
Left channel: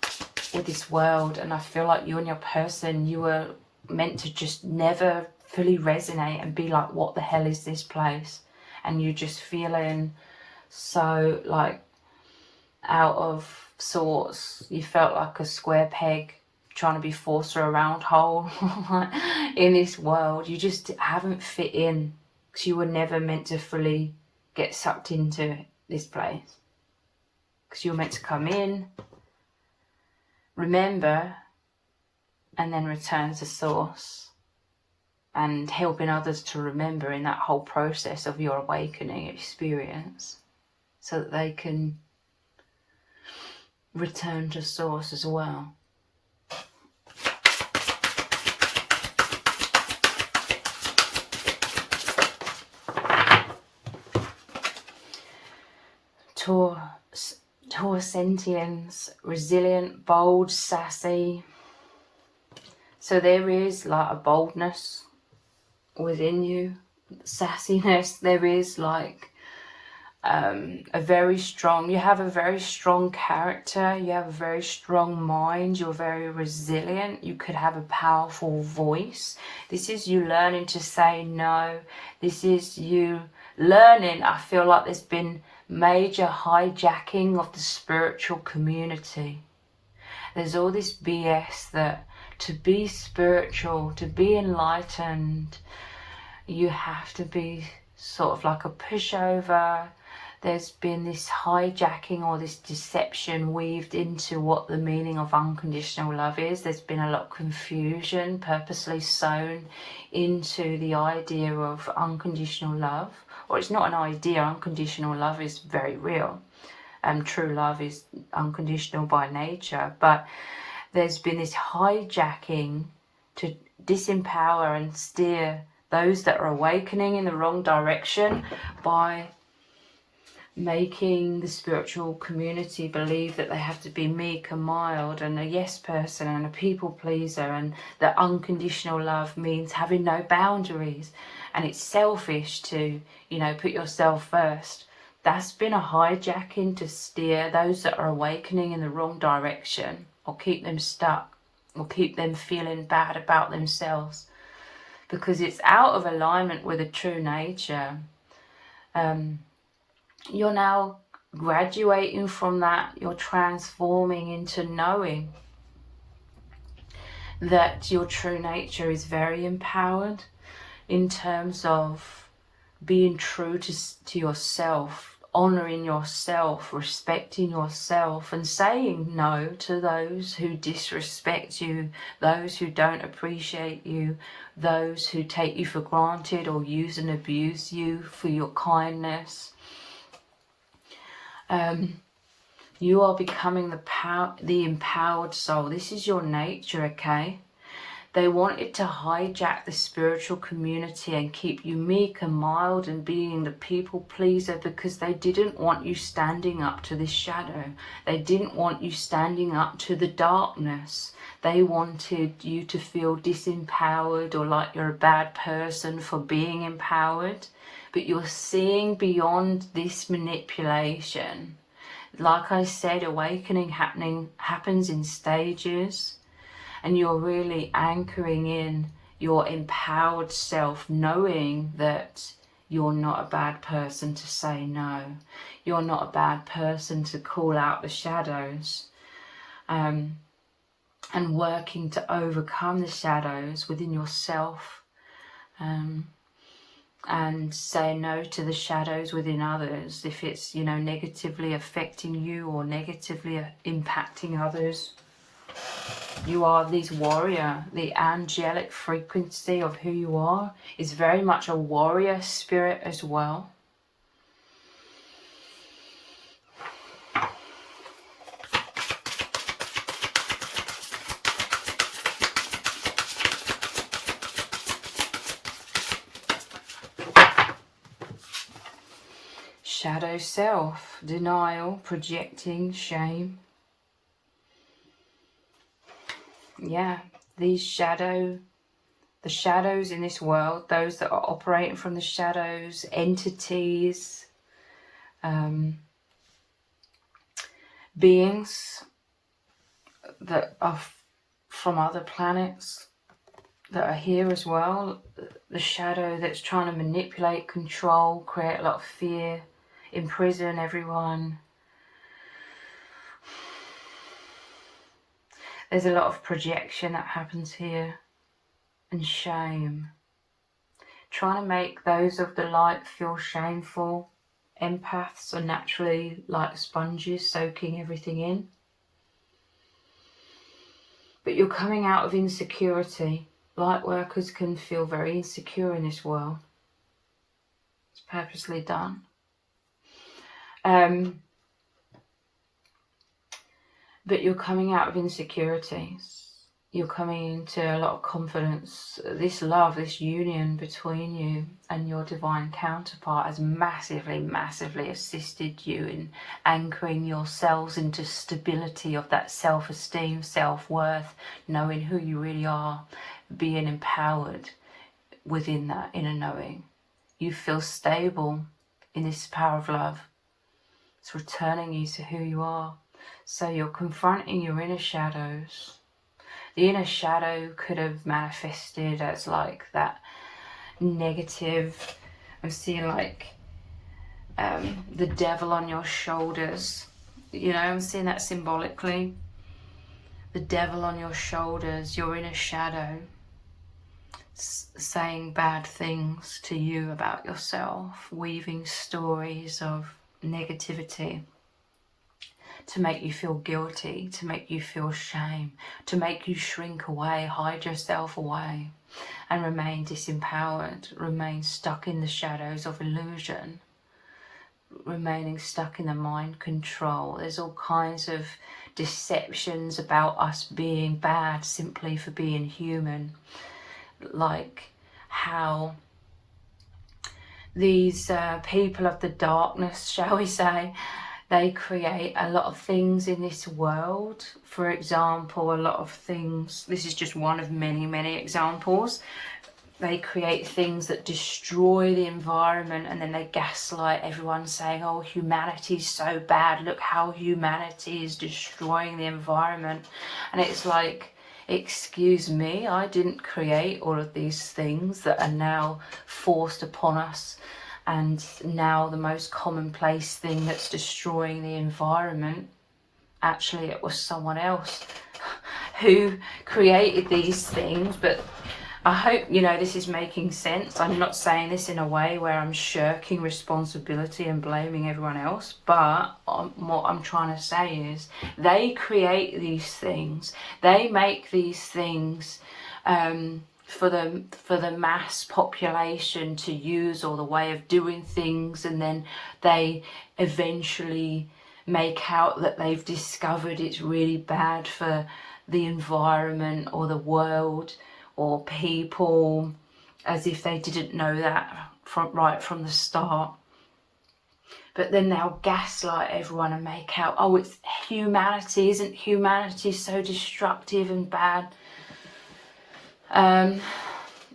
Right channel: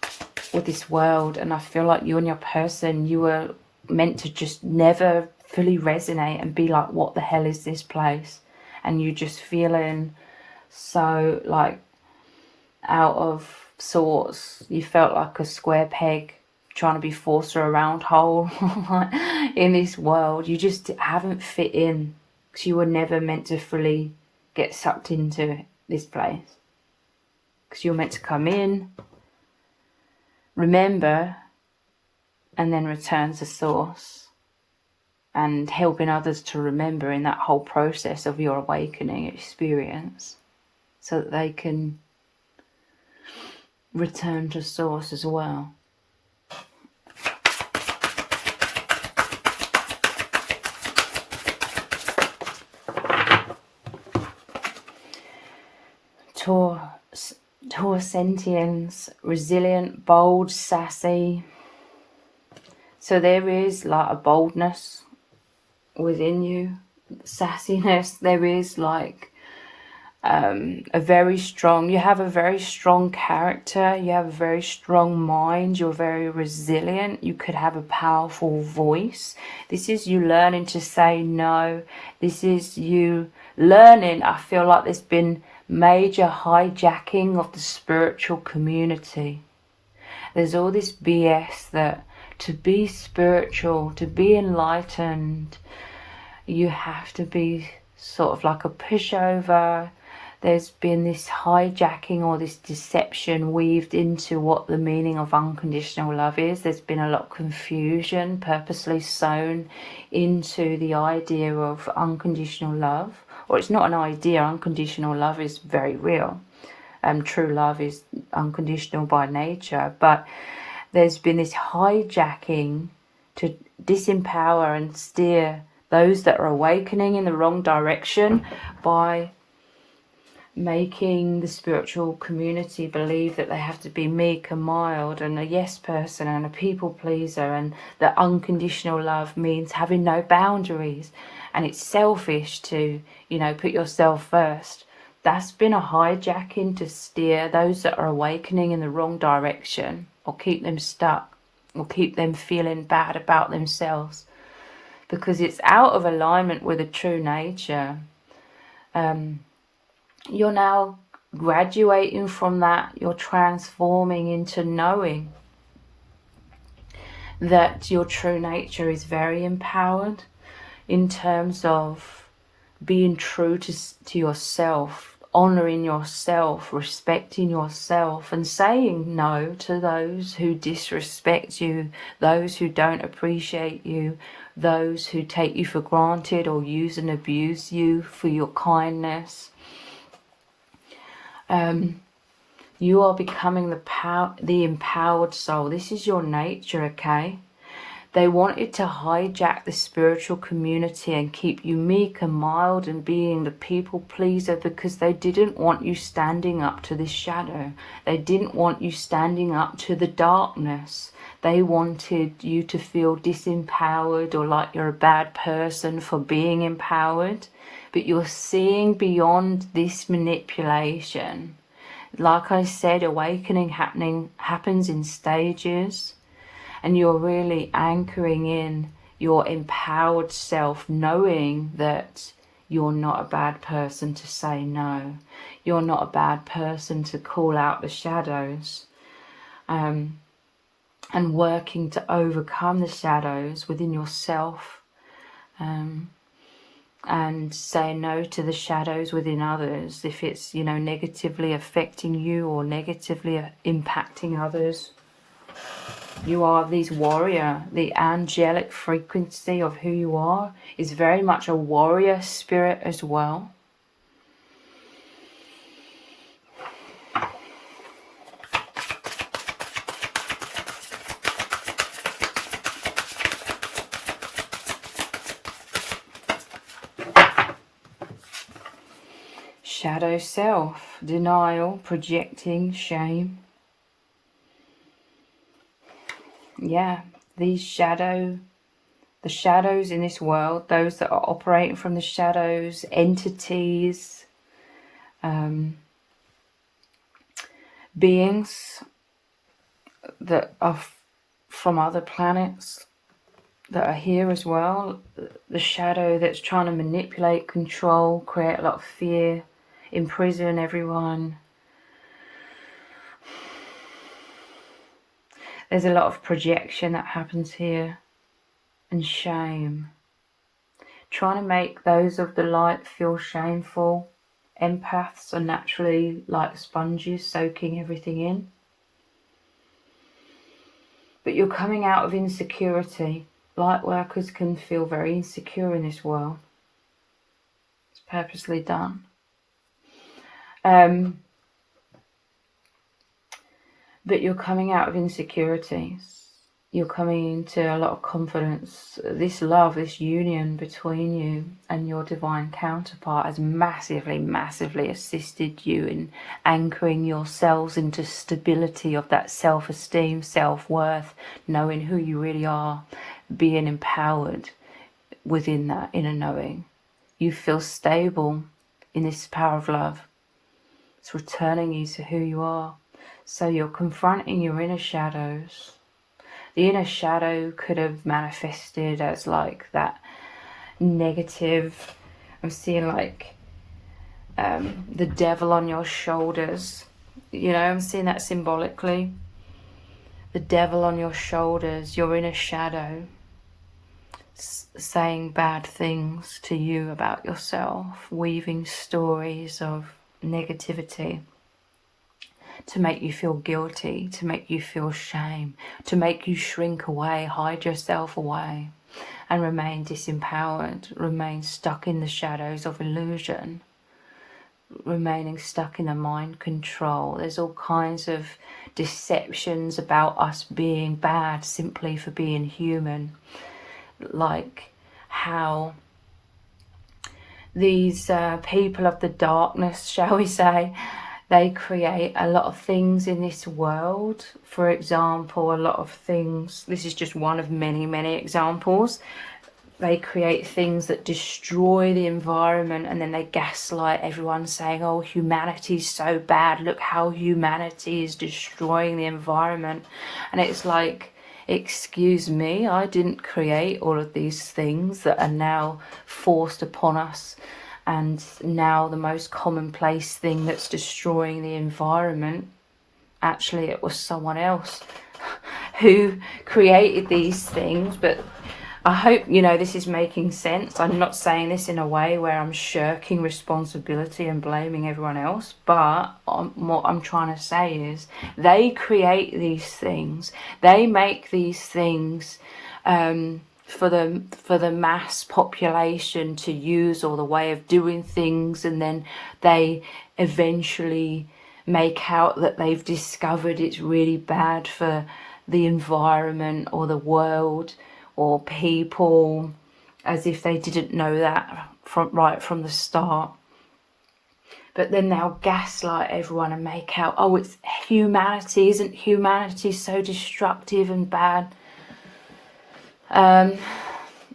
with this world, and I feel like you and your person, you were meant to just never fully resonate and be like, what the hell is this place? And you're just feeling so like out of sorts. You felt like a square peg trying to be forced through a round hole in this world. You just haven't fit in, because you were never meant to fully get sucked into this place, because you're meant to come in, remember, and then return to source, and helping others to remember in that whole process of your awakening experience, so that they can return to source as well. Taur sentience, resilient, bold, sassy. So there is like a boldness within you, sassiness. There is like you have a very strong character, you have a very strong mind, you're very resilient, you could have a powerful voice. This is you learning to say no. This is you learning, I feel like there's been major hijacking of the spiritual community. There's all this BS that to be spiritual, to be enlightened, you have to be sort of like a pushover. There's been this hijacking or this deception weaved into what the meaning of unconditional love is. There's been a lot of confusion purposely sown into the idea of unconditional love. Or it's not an idea, unconditional love is very real. True love is unconditional by nature. But there's been this hijacking to disempower and steer those that are awakening in the wrong direction by making the spiritual community believe that they have to be meek and mild and a yes person and a people pleaser, and that unconditional love means having no boundaries and it's selfish to, you know, put yourself first. That's been a hijacking to steer those that are awakening in the wrong direction, or keep them stuck, or keep them feeling bad about themselves, because it's out of alignment with a true nature. You're now graduating from that. You're transforming into knowing that your true nature is very empowered in terms of being true to yourself, honouring yourself, respecting yourself, and saying no to those who disrespect you, those who don't appreciate you, those who take you for granted or use and abuse you for your kindness. You are becoming the empowered soul. This is your nature, okay? They wanted to hijack the spiritual community and keep you meek and mild and being the people pleaser, because they didn't want you standing up to this shadow. They didn't want you standing up to the darkness. They wanted you to feel disempowered or like you're a bad person for being empowered. But you're seeing beyond this manipulation. Like I said, awakening happens in stages. And you're really anchoring in your empowered self, knowing that you're not a bad person to say no. You're not a bad person to call out the shadows. And working to overcome the shadows within yourself. And say no to the shadows within others if it's, you know, negatively affecting you or negatively impacting others. You are this warrior. The angelic frequency of who you are is very much a warrior spirit as well. Shadow self, denial, projecting, shame. Yeah, the shadows in this world, those that are operating from the shadows, entities, beings that are from other planets that are here as well. The shadow that's trying to manipulate, control, create a lot of fear, imprison everyone. There's a lot of projection that happens here, and shame. Trying to make those of the light feel shameful. Empaths are naturally like sponges, soaking everything in. But you're coming out of insecurity. Light workers can feel very insecure in this world. It's purposely done. But you're coming out of insecurities. You're coming into a lot of confidence. This love, this union between you and your divine counterpart has massively, massively assisted you in anchoring yourselves into stability of that self-esteem, self-worth, knowing who you really are, being empowered within that inner knowing. You feel stable in this power of love. It's returning you to who you are. So you're confronting your inner shadows. The inner shadow could have manifested as like that negative, I'm seeing like the devil on your shoulders. You know, I'm seeing that symbolically. The devil on your shoulders, your inner shadow, saying bad things to you about yourself, weaving stories of negativity to make you feel guilty, to make you feel shame, to make you shrink away, hide yourself away, and remain disempowered, remain stuck in the shadows of illusion, remaining stuck in the mind control. There's all kinds of deceptions about us being bad simply for being human, like how these people of the darkness, shall we say, they create a lot of things in this world. For example, a lot of things, this is just one of many, many examples. They create things that destroy the environment, and then they gaslight everyone saying, oh, humanity's so bad, look how humanity is destroying the environment. And it's like, excuse me, I didn't create all of these things that are now forced upon us, and now the most commonplace thing that's destroying the environment, actually it was someone else who created these things. But I hope, you know, this is making sense. I'm not saying this in a way where I'm shirking responsibility and blaming everyone else, but what I'm trying to say is they create these things. They make these things for the mass population to use, or the way of doing things, and then they eventually make out that they've discovered it's really bad for the environment or the world or people, as if they didn't know that right from the start. But then they'll gaslight everyone and make out, oh, it's humanity, isn't humanity so destructive and bad?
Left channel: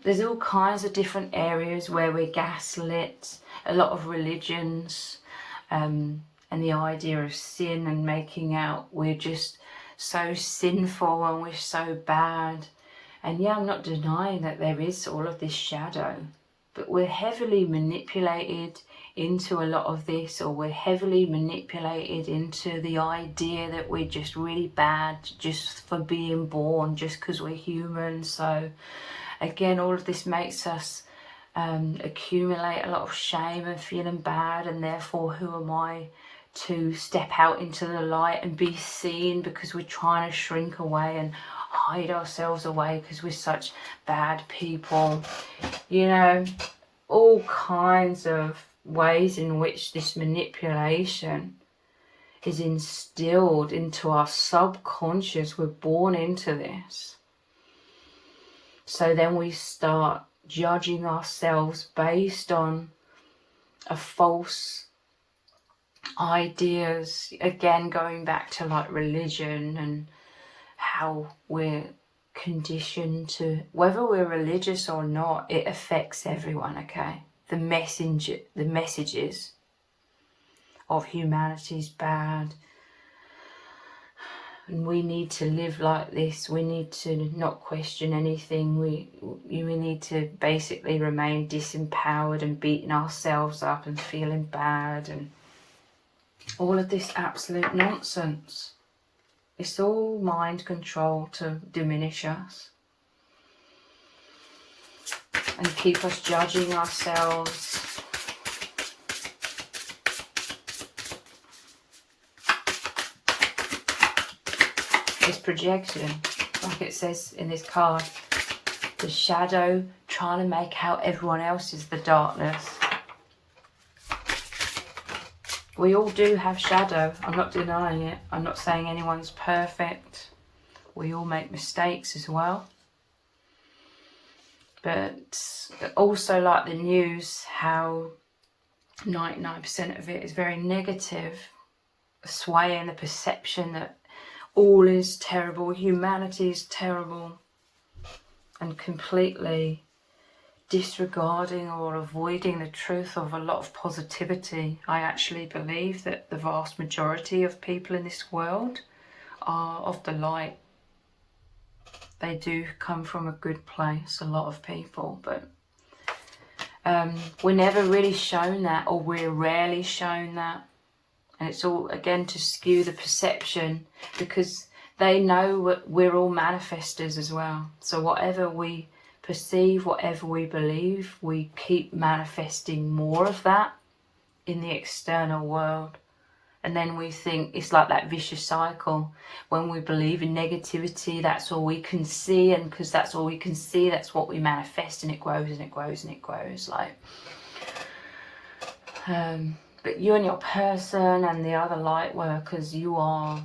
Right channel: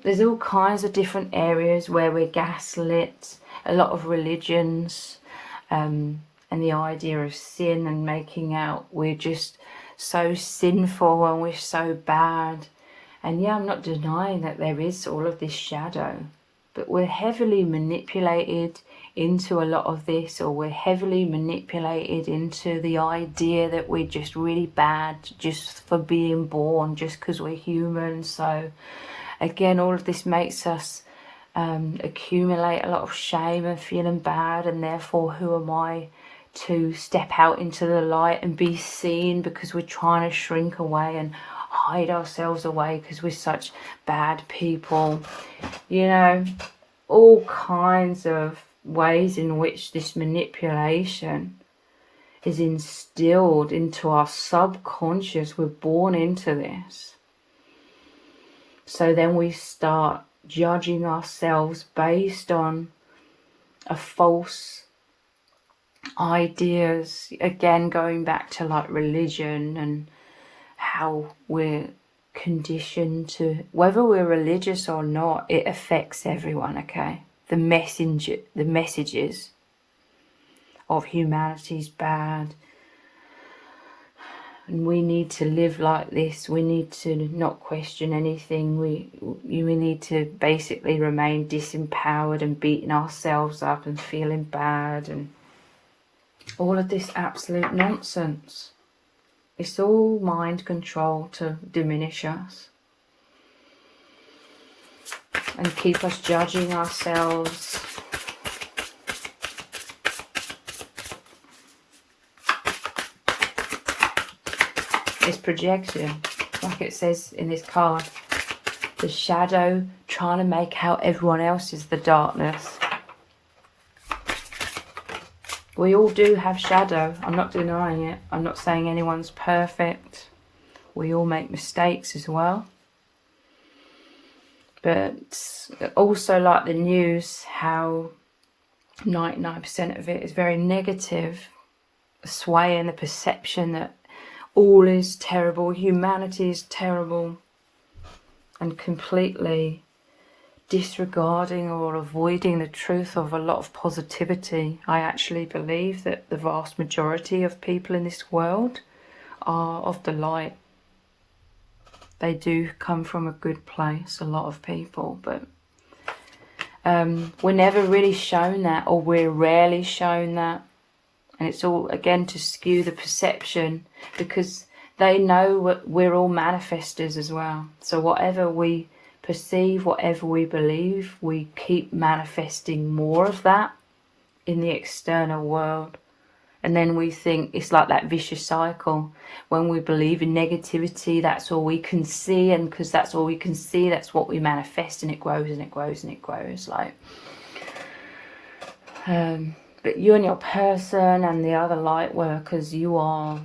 There's all kinds of different areas where we're gaslit. A lot of religions, and the idea of sin, and making out we're just so sinful and we're so bad. And yeah, I'm not denying that there is all of this shadow, but we're heavily manipulated into a lot of this, or we're heavily manipulated into the idea that we're just really bad just for being born, just because we're human. So again, all of this makes us accumulate a lot of shame and feeling bad, and therefore who am I to step out into the light and be seen, because we're trying to shrink away and hide ourselves away because we're such bad people. You know, all kinds of ways in which this manipulation is instilled into our subconscious. We're born into this. So then we start judging ourselves based on a false ideas, again going back to like religion and how we're conditioned to, whether we're religious or not, it affects everyone. Okay, the messages of humanity's bad, and we need to live like this. We need to not question anything. We need to basically remain disempowered and beating ourselves up and feeling bad, and all of this absolute nonsense. It's all mind control to diminish us and keep us judging ourselves. It's projection, like it says in this card. The shadow trying to make out everyone else is the darkness. We all do have shadow. I'm not denying it. I'm not saying anyone's perfect. We all make mistakes as well. But also, like the news, how 99% of it is very negative, swaying the perception that all is terrible, humanity is terrible, and completely disregarding or avoiding the truth of a lot of positivity. I actually believe that the vast majority of people in this world are of the light. They do come from a good place, a lot of people, but we're never really shown that, or we're rarely shown that. And it's all, again, to skew the perception, because they know we're all manifestors as well. So whatever we perceive, whatever we believe, we keep manifesting more of that in the external world. And then we think it's like that vicious cycle. When we believe in negativity, that's all we can see, and because that's all we can see, that's what we manifest, and it grows and it grows and it grows. Like, but you and your person and the other light workers, you are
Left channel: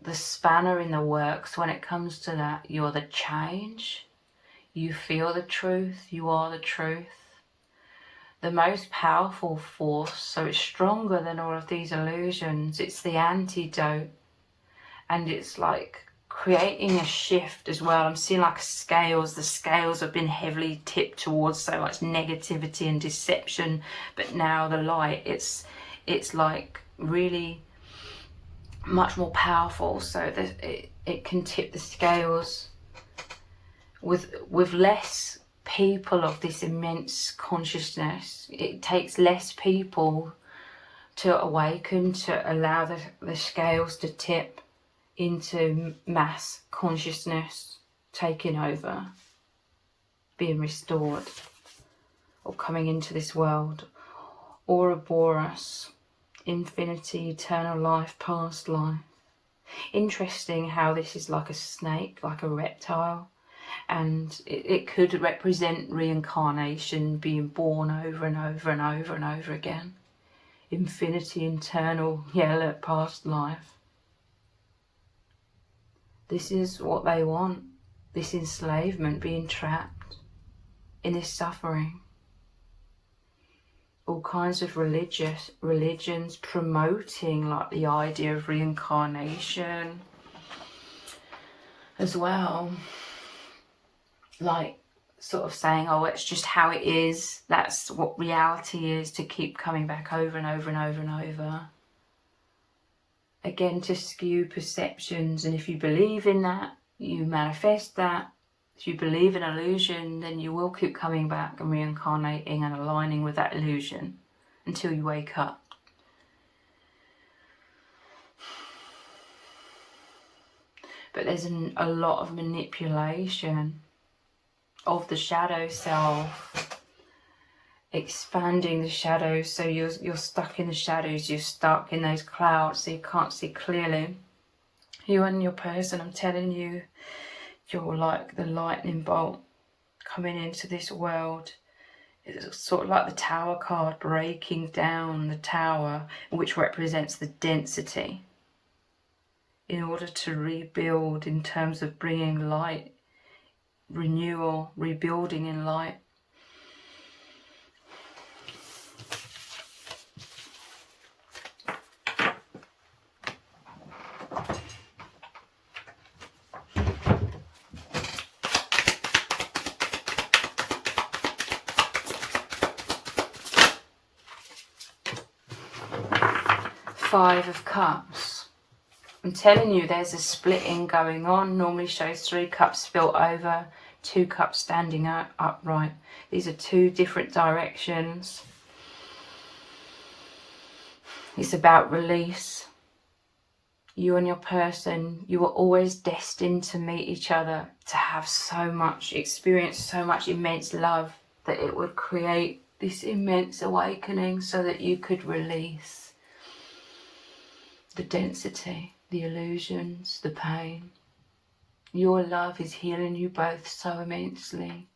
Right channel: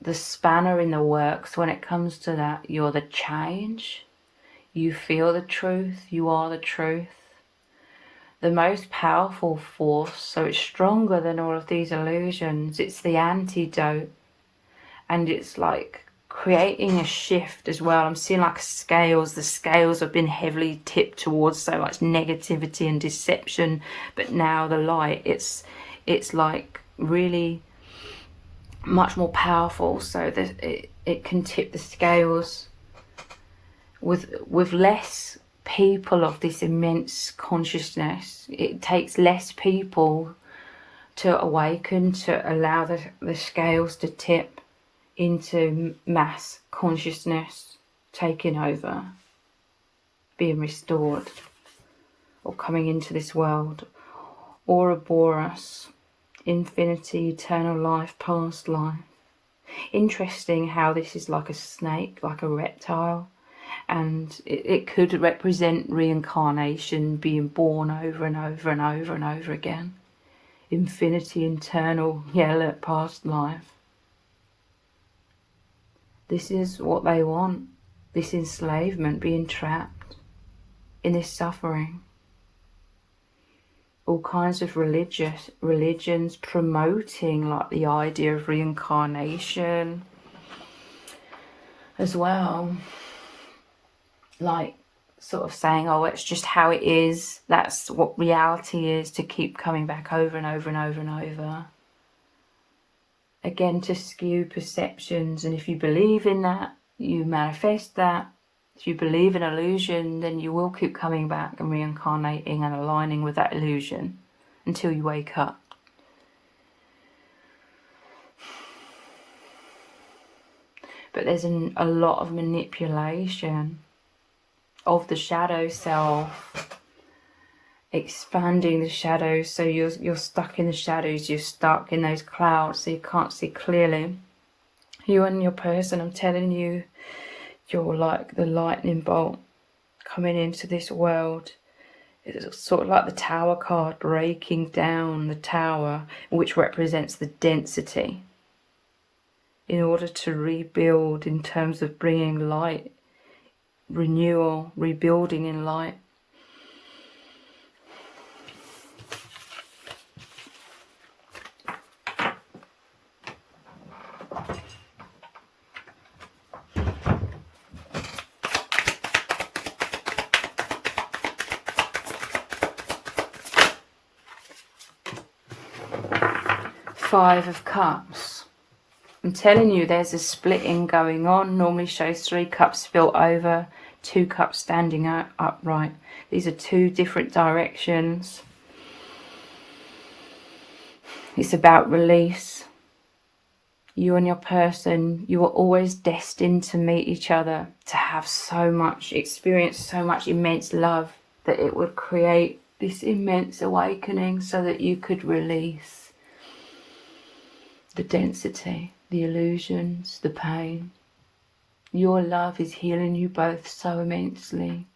the spanner in the works when it comes to that. You're the change. You feel the truth. You are the truth. The most powerful force, so it's stronger than all of these illusions. It's the antidote, and it's like creating a shift as well. I'm seeing like scales. The scales have been heavily tipped towards so much negativity and deception, but now the light, it's like really much more powerful, so that it can tip the scales with less people of this immense consciousness. It takes less people to awaken, to allow the scales to tip into mass consciousness taking over, being restored, or coming into this world. Ouroboros, infinity, eternal life, past life. Interesting how this is like a snake, like a reptile. And it could represent reincarnation, being born over and over and over and over again. Infinity, eternal, yellow, past life. This is what they want. This enslavement, being trapped in this suffering. All kinds of religions promoting like the idea of reincarnation as well. Like sort of saying, oh, it's just how it is. That's what reality is, to keep coming back over and over and over and over. Again, to skew perceptions. And if you believe in that, you manifest that. If you believe in illusion, then you will keep coming back and reincarnating and aligning with that illusion until you wake up. But there's a lot of manipulation of the shadow self, expanding the shadows, so you're stuck in the shadows, you're stuck in those clouds, so you can't see clearly. You and your person, I'm telling you, you're like the lightning bolt coming into this world. It's sort of like the tower card, breaking down the tower, which represents the density, in order to rebuild in terms of bringing light, renewal, rebuilding in light. Five of Cups. I'm telling you, there's a splitting going on. Normally shows 3 cups spilt over, 2 cups standing upright. These are 2 different directions. It's about release. You and your person, you were always destined to meet each other, to have so much experience, so much immense love, that it would create this immense awakening so that you could release the density, the illusions, the pain. Your love is healing you both so immensely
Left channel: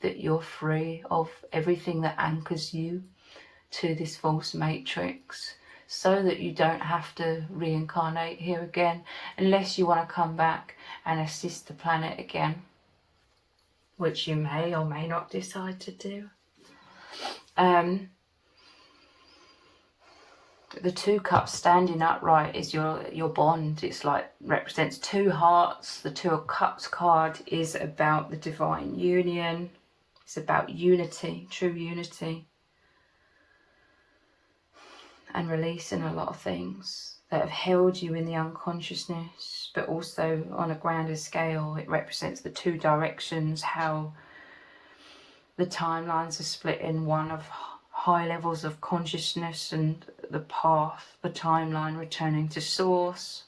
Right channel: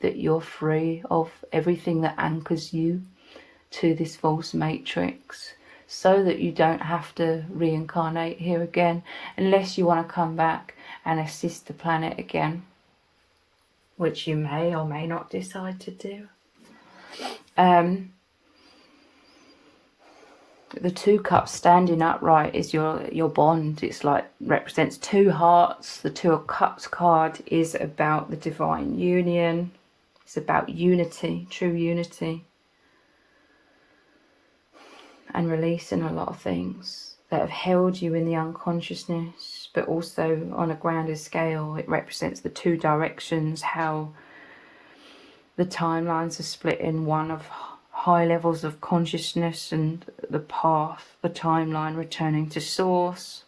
that you're free of everything that anchors you to this false matrix, so that you don't have to reincarnate here again, unless you want to come back and assist the planet again, which you may or may not decide to do. The 2 cups standing upright is your bond. It's like represents 2 hearts. The 2 of Cups card is about the divine union, It's about unity, true unity, and releasing a lot of things that have held you in the unconsciousness, but also on a grander scale. It represents the two directions, how the timelines are split in, one of high levels of consciousness and the path, the timeline returning to source,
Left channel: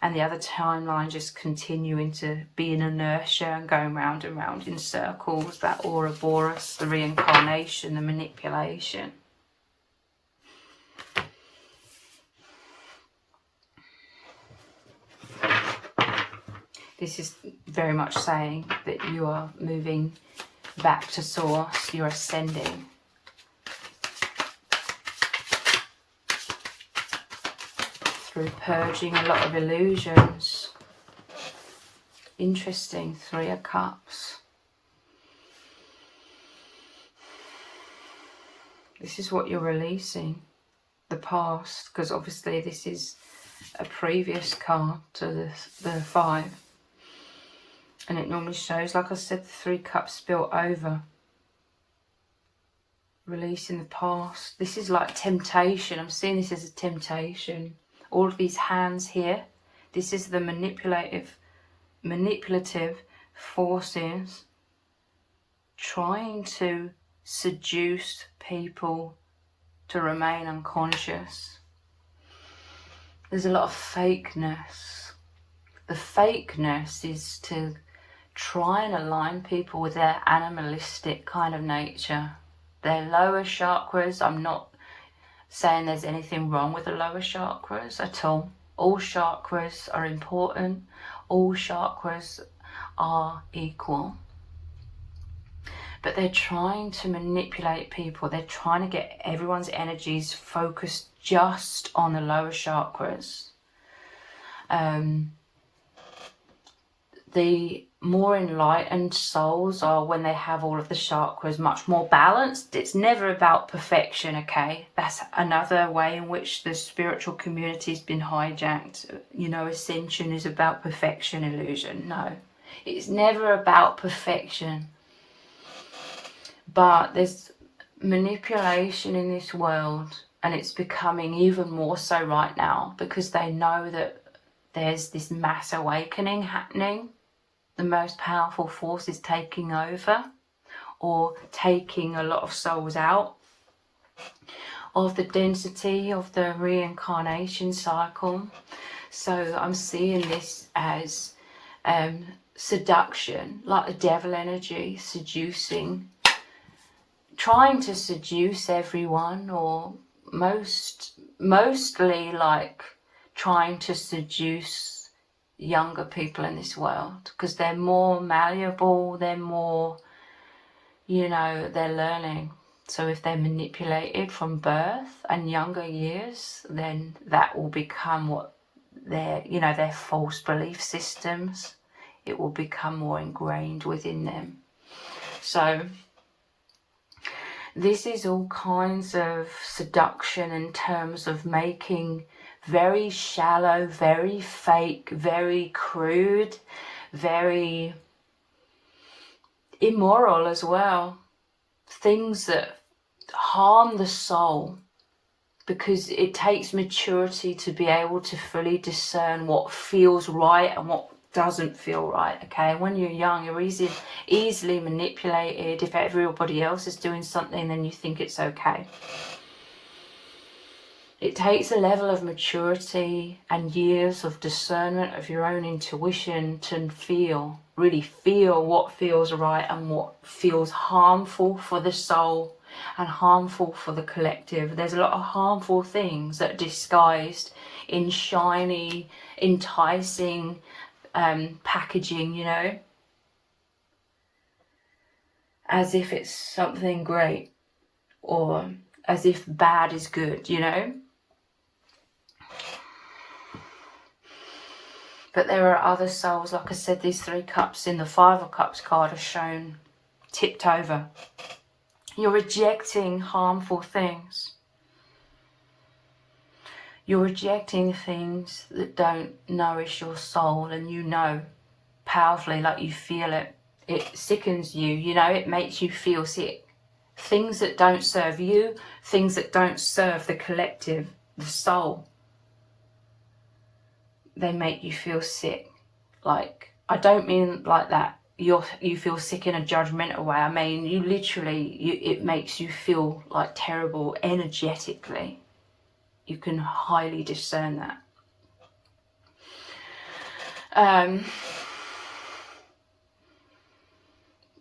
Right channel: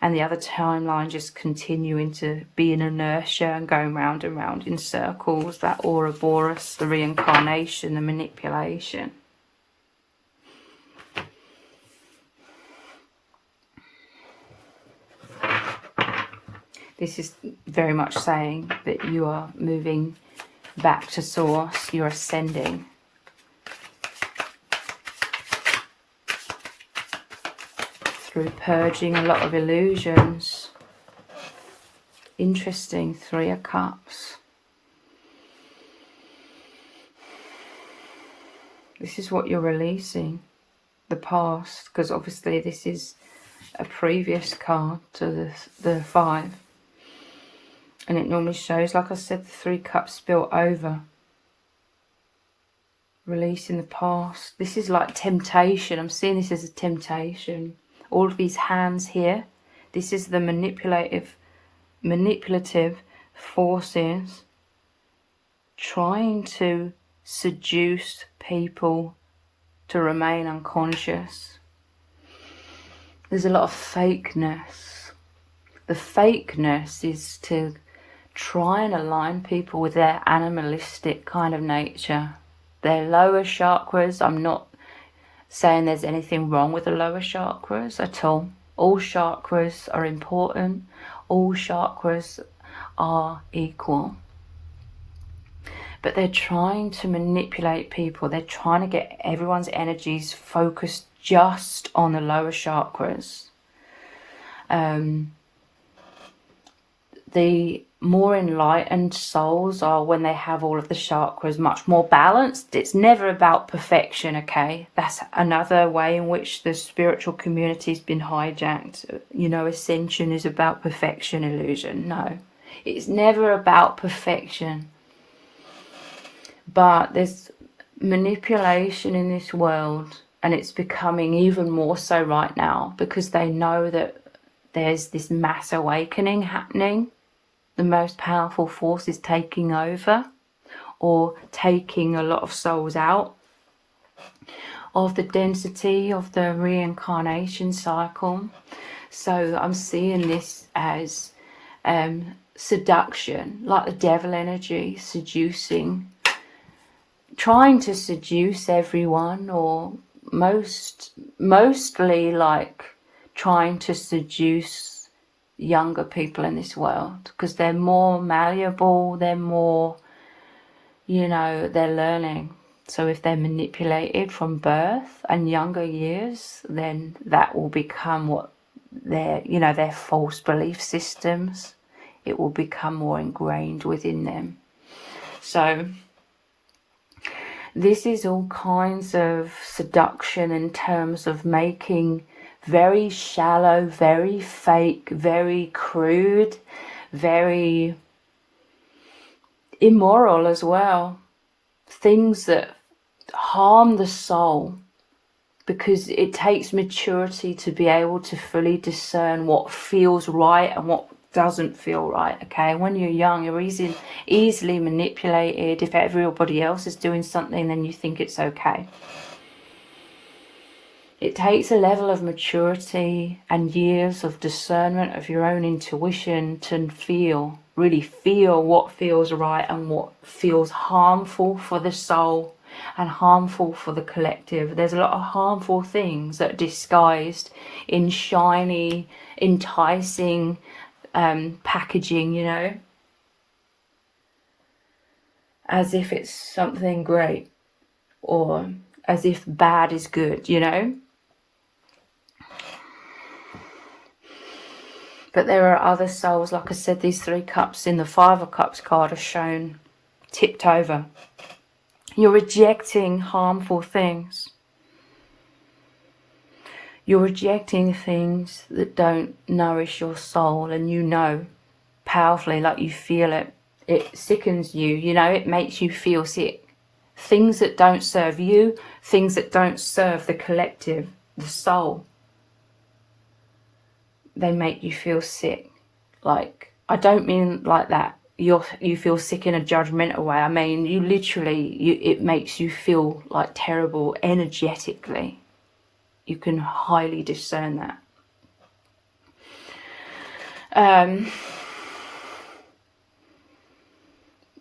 and the other timeline just continuing to be in inertia and going round and round in circles, that Ouroboros, the reincarnation, the manipulation. This is very much saying that you are moving back to source, you're ascending. Through purging a lot of illusions. Interesting, 3 of Cups. This is what you're releasing, the past, because obviously this is a previous card to the 5. And it normally shows, like I said, the 3 cups spilt over. Releasing the past. This is like temptation. I'm seeing this as a temptation. All of these hands here. This is the manipulative forces trying to seduce people to remain unconscious. There's a lot of fakeness. The fakeness is to try and align people with their animalistic kind of nature, their lower chakras. I'm not saying there's anything wrong with the lower chakras at all. All chakras are important. All chakras are equal. But they're trying to manipulate people. They're trying to get everyone's energies focused just on the lower chakras. The more enlightened souls are when they have all of the chakras much more balanced. It's never about perfection, okay? That's another way in which the spiritual community's been hijacked. You know, ascension is about perfection illusion. No, it's never about perfection. But there's manipulation in this world, and it's becoming even more so right now because they know that there's this mass awakening happening. The most powerful force is taking over or taking a lot of souls out of the density of the reincarnation cycle. So I'm seeing this as seduction, like the devil energy, seducing, trying to seduce everyone, or mostly like trying to seduce younger people in this world because they're more malleable, they're more, you know, they're learning. So if they're manipulated from birth and younger years, then that will become what their, you know, their false belief systems. It will become more ingrained within them. So this is all kinds of seduction in terms of making very shallow, very fake, very crude, very immoral as well. Things that harm the soul, because it takes maturity to be able to fully discern what feels right and what doesn't feel right, okay? When you're young, you're easily manipulated. If everybody else is doing something, then you think it's okay. It takes a level of maturity and years of discernment of your own intuition to really feel what feels right and what feels harmful for the soul and harmful for the collective. There's a lot of harmful things that are disguised in shiny, enticing packaging, you know, as if it's something great or as if bad is good, you know. But there are other souls, like I said, these 3 cups in the 5 of Cups card are shown tipped over. You're rejecting harmful things. You're rejecting things that don't nourish your soul, and you know powerfully, like you feel it. It sickens you, you know, it makes you feel sick. Things that don't serve you, things that don't serve the collective, the soul, they make you feel sick. Like, I don't mean like that you feel sick in a judgmental way. I mean, you literally, it makes you feel like terrible energetically. You can highly discern that.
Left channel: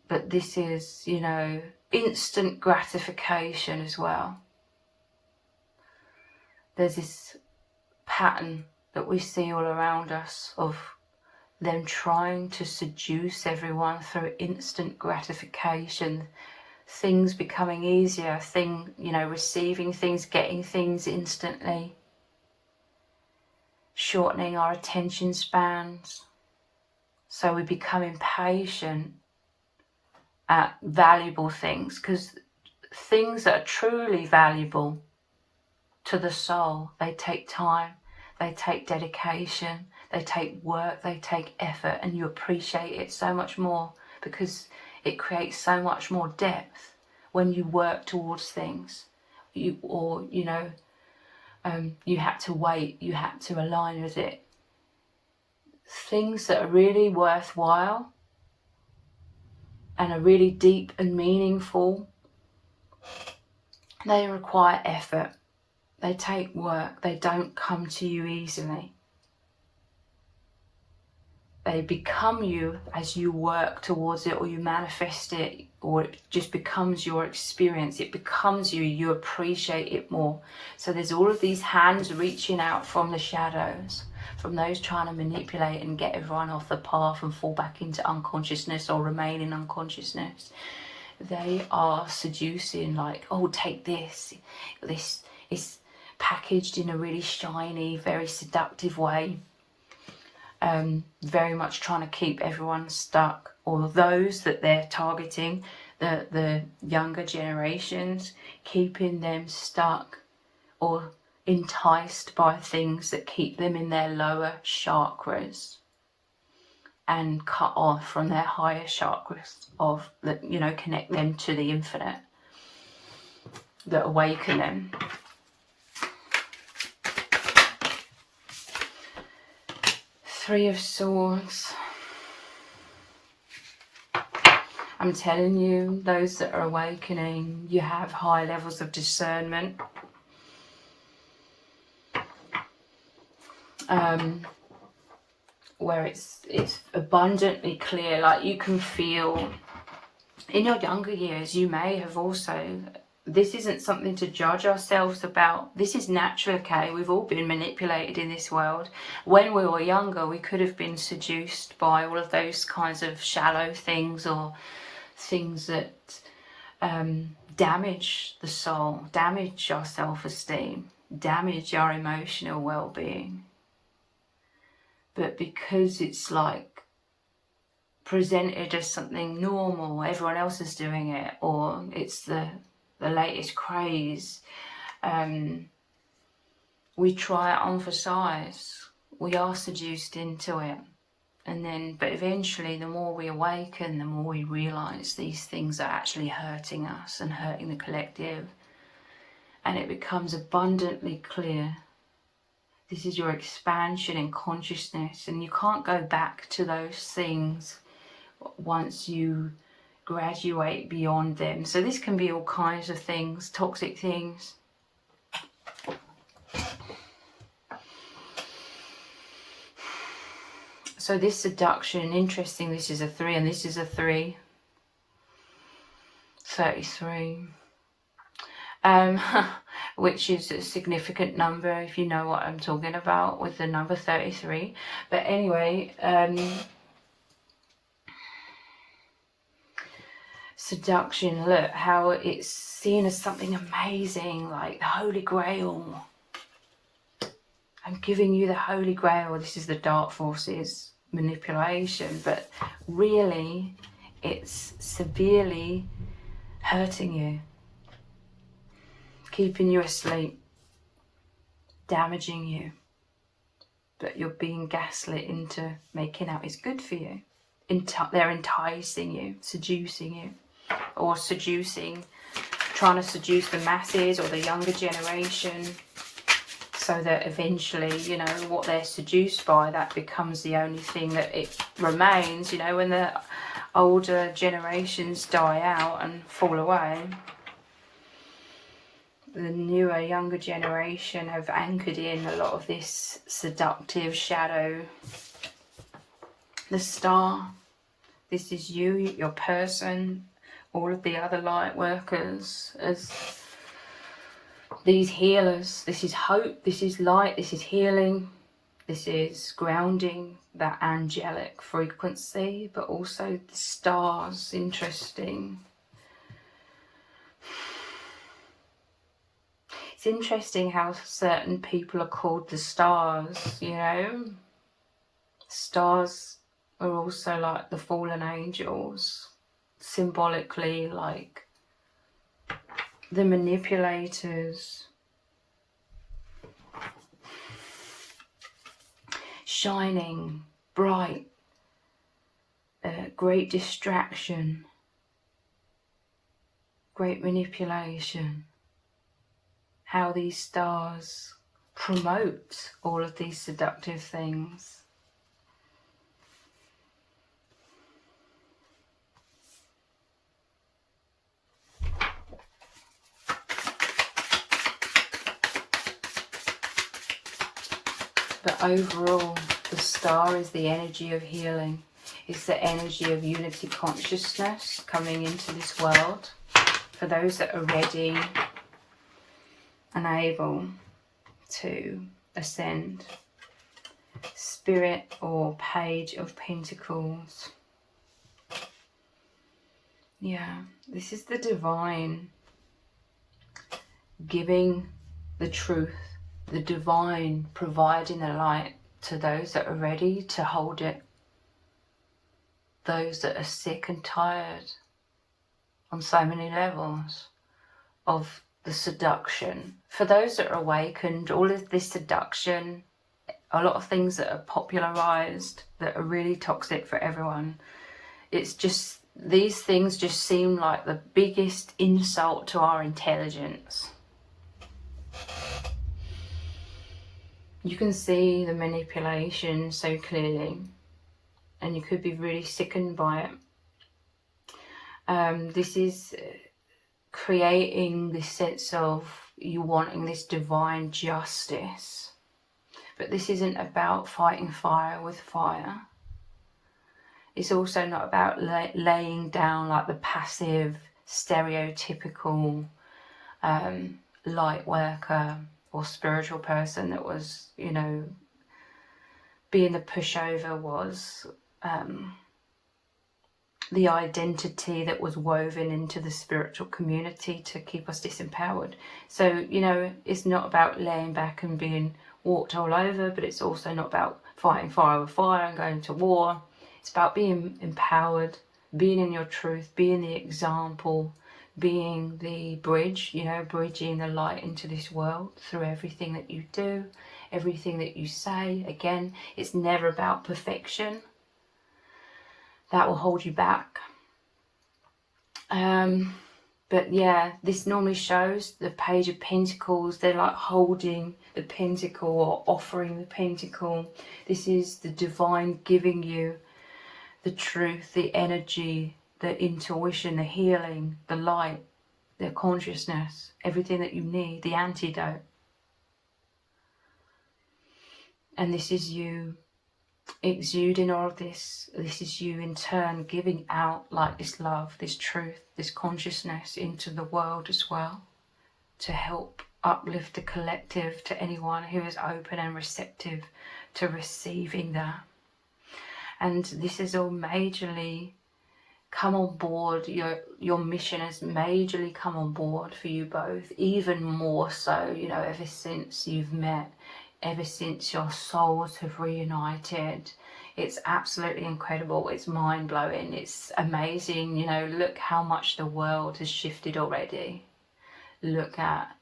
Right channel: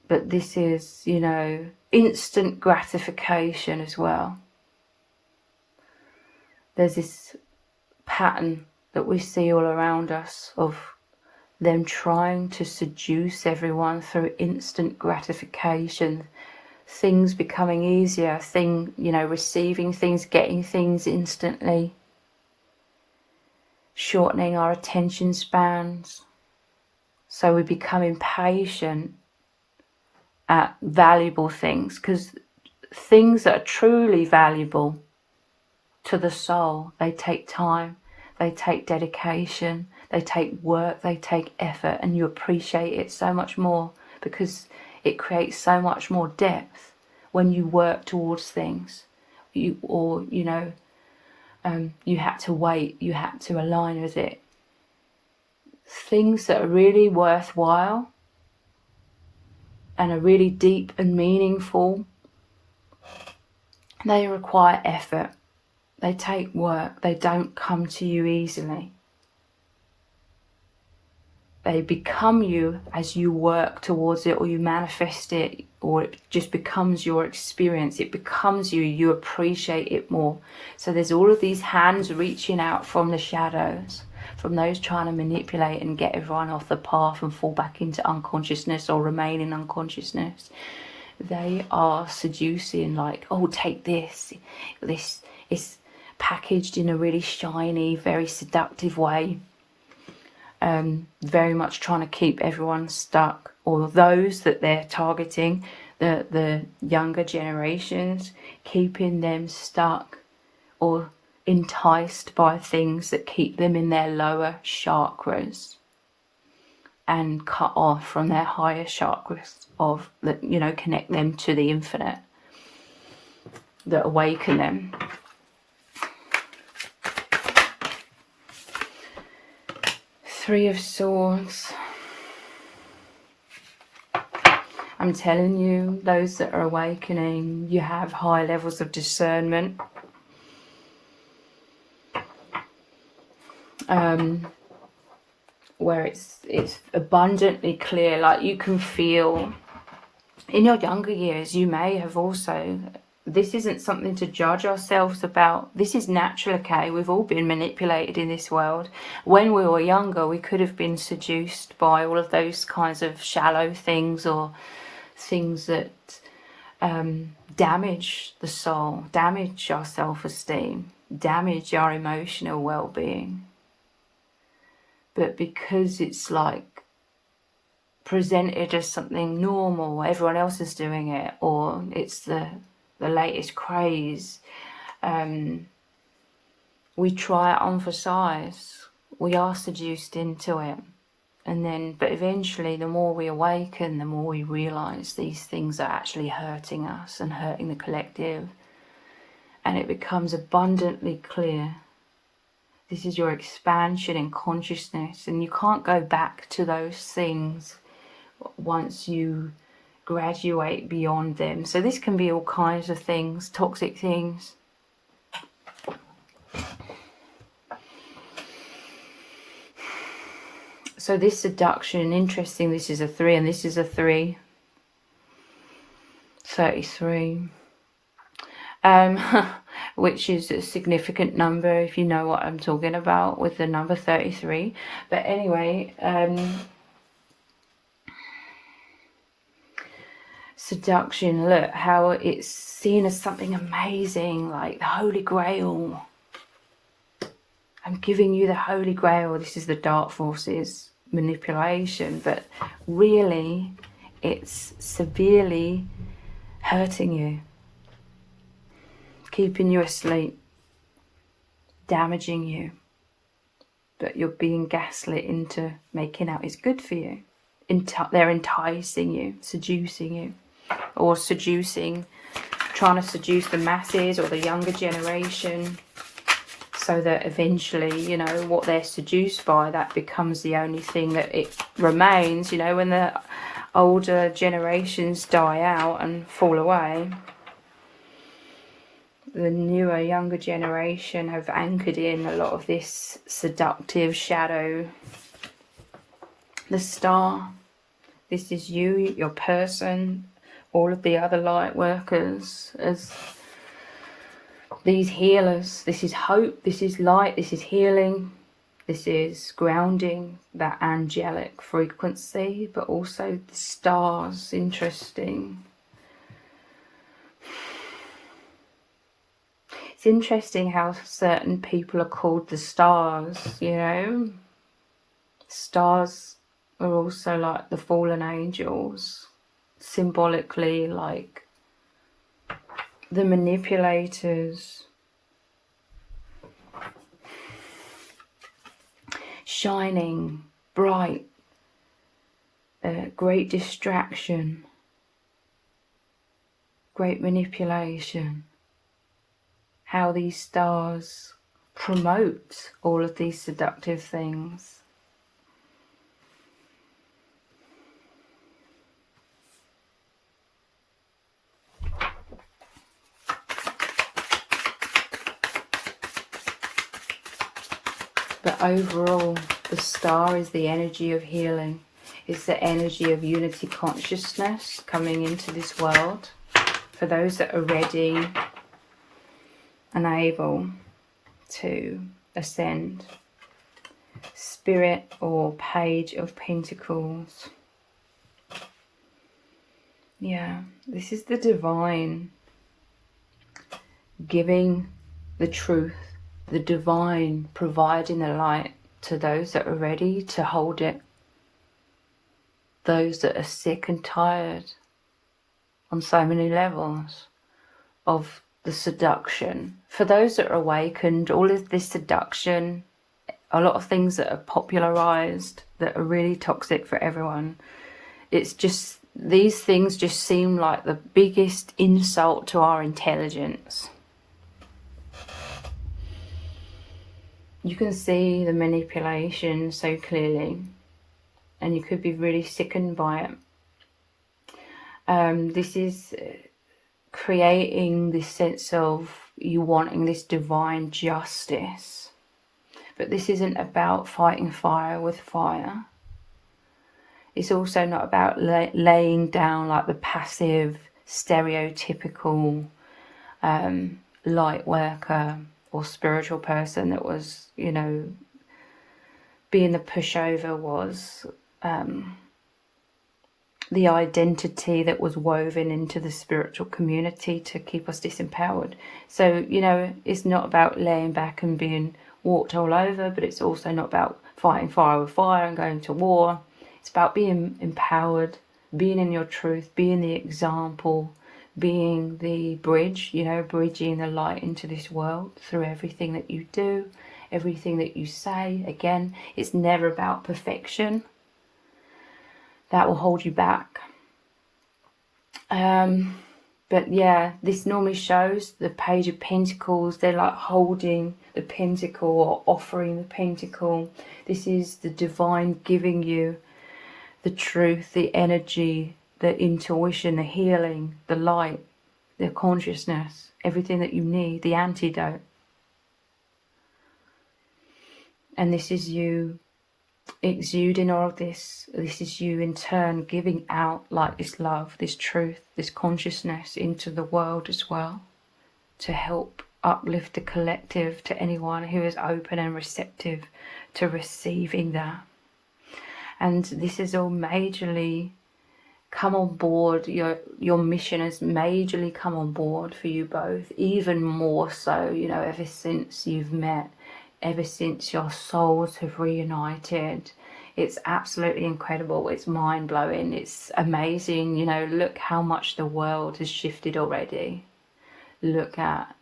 But this is, you know, instant gratification as well. There's this pattern that we see all around us of them trying to seduce everyone through instant gratification, things becoming easier, you know, receiving things, getting things instantly, shortening our attention spans, so we become impatient at valuable things, because things that are truly valuable to the soul, they take time, they take dedication, they take work, they take effort, and you appreciate it so much more because it creates so much more depth when you work towards things. You had to wait, you had to align with it. Things that are really worthwhile and are really deep and meaningful, they require effort. They take work. They don't come to you easily. They become you as you work towards it, or you manifest it, or it just becomes your experience. It becomes you. You appreciate it more. So there's all of these hands reaching out from the shadows, from those trying to manipulate and get everyone off the path and fall back into unconsciousness or remain in unconsciousness. They are seducing, like, oh, take this. This is packaged in a really shiny, very seductive way. Very much trying to keep everyone stuck, or those that they're targeting, the younger generations, keeping them stuck or enticed by things that keep them in their lower chakras and cut off from their higher chakras that, you know, connect them to the infinite, that awaken them. Three of Swords. I'm telling you, those that are awakening, you have high levels of discernment. Where it's abundantly clear, like you can feel. In your younger years, you may have also, this isn't something to judge ourselves about. This is natural, okay? We've all been manipulated in this world. When we were younger, we could have been seduced by all of those kinds of shallow things, or things that damage the soul, damage our self-esteem, damage our emotional well-being. But because it's like presented as something normal, everyone else is doing it, or it's the latest craze, we try it on for size. We are seduced into it, but eventually, the more we awaken, the more we realize these things are actually hurting us and hurting the collective, and it becomes abundantly clear. This is your expansion in consciousness, and you can't go back to those things once you graduate beyond them. So this can be all kinds of things, toxic things. So this seduction, interesting, this is a 3 and this is a 3. 33. Which is a significant number if you know what I'm talking about with the number 33. But anyway, seduction, look how it's seen as something amazing, like the Holy Grail. I'm giving you the Holy Grail. This is the dark forces manipulation, but really it's severely hurting you, keeping you asleep, damaging you, but you're being gaslit into making out it's good for you. they're enticing you, seducing you, or trying to seduce the masses or the younger generation, so that eventually, you know, what they're seduced by, that becomes the only thing that it remains. You know, when the older generations die out and fall away, the newer, younger generation have anchored in a lot of this seductive shadow. The star, this is you, your person, all of the other light workers, as these healers. This is hope, this is light, this is healing, this is grounding that angelic frequency, but also the stars. Interesting. It's interesting how certain people are called the stars, you know. Stars are also like the fallen angels, symbolically like the manipulators, shining, bright, great distraction, great manipulation. How these stars promote all of these seductive things. But overall, the star is the energy of healing. It's the energy of unity consciousness coming into this world for those that are ready and able to ascend. Spirit or Page of Pentacles. Yeah, this is the divine giving the truth. The divine providing the light to those that are ready to hold it. Those that are sick and tired on so many levels of the seduction. For those that are awakened, all of this seduction, a lot of things that are popularized that are really toxic for everyone. It's just, these things just seem like the biggest insult to our intelligence. You can see the manipulation so clearly, and you could be really sickened by it. This is creating this sense of you wanting this divine justice. But this isn't about fighting fire with fire. It's also not about laying down like the passive, stereotypical light worker or spiritual person that was, you know, being the pushover was the identity that was woven into the spiritual community to keep us disempowered. So, you know, it's not about laying back and being walked all over, but it's also not about fighting fire with fire and going to war. It's about being empowered, being in your truth, being the example, being the bridge, you know, bridging the light into this world through everything that you do, everything that you say. Again, it's never about perfection. That will hold you back. But yeah, this normally shows the Page of Pentacles. They're like holding the pentacle or offering the pentacle. This is the divine giving you the truth, the energy, the intuition, the healing, the light, the consciousness, everything that you need, the antidote. And this is you exuding all of this. This is you in turn giving out like this love, this truth, this consciousness into the world as well, to help uplift the collective, to anyone who is open and receptive to receiving that. And this is all majorly come on board. Your mission has majorly come on board for you both, even more so, you know, ever since you've met, ever since your souls have reunited. It's absolutely incredible. It's mind-blowing. It's amazing. You know, look how much the world has shifted already. Look at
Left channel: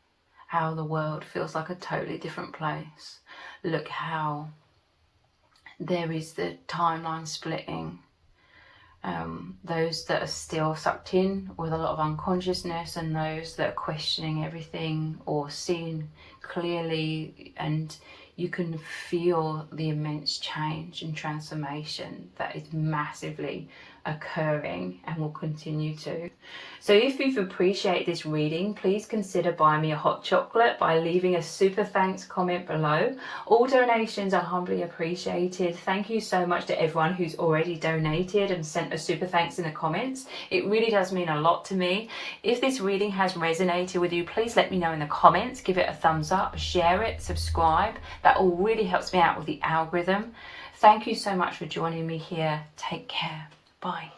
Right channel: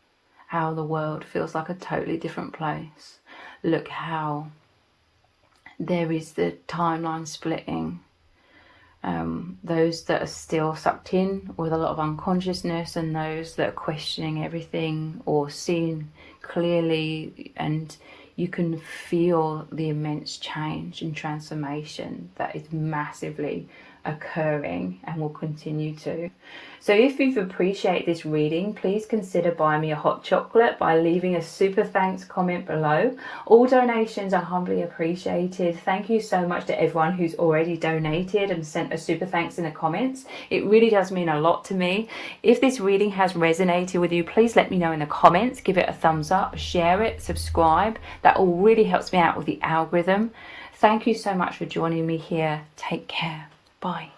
how the world feels like a totally different place. Look how there is the timeline splitting. those that are still sucked in with a lot of unconsciousness, and those that are questioning everything or seeing clearly, and you can feel the immense change and transformation that is massively occurring and will continue to. So if you've appreciated this reading, please consider buying me a hot chocolate by leaving a super thanks comment below. All donations are humbly appreciated. Thank you so much to everyone who's already donated and sent a super thanks in the comments. It really does mean a lot to me. If this reading has resonated with you, please let me know in the comments. Give it a thumbs up, share it, subscribe. That all really helps me out with the algorithm. Thank you so much for joining me here. Take care. Bye.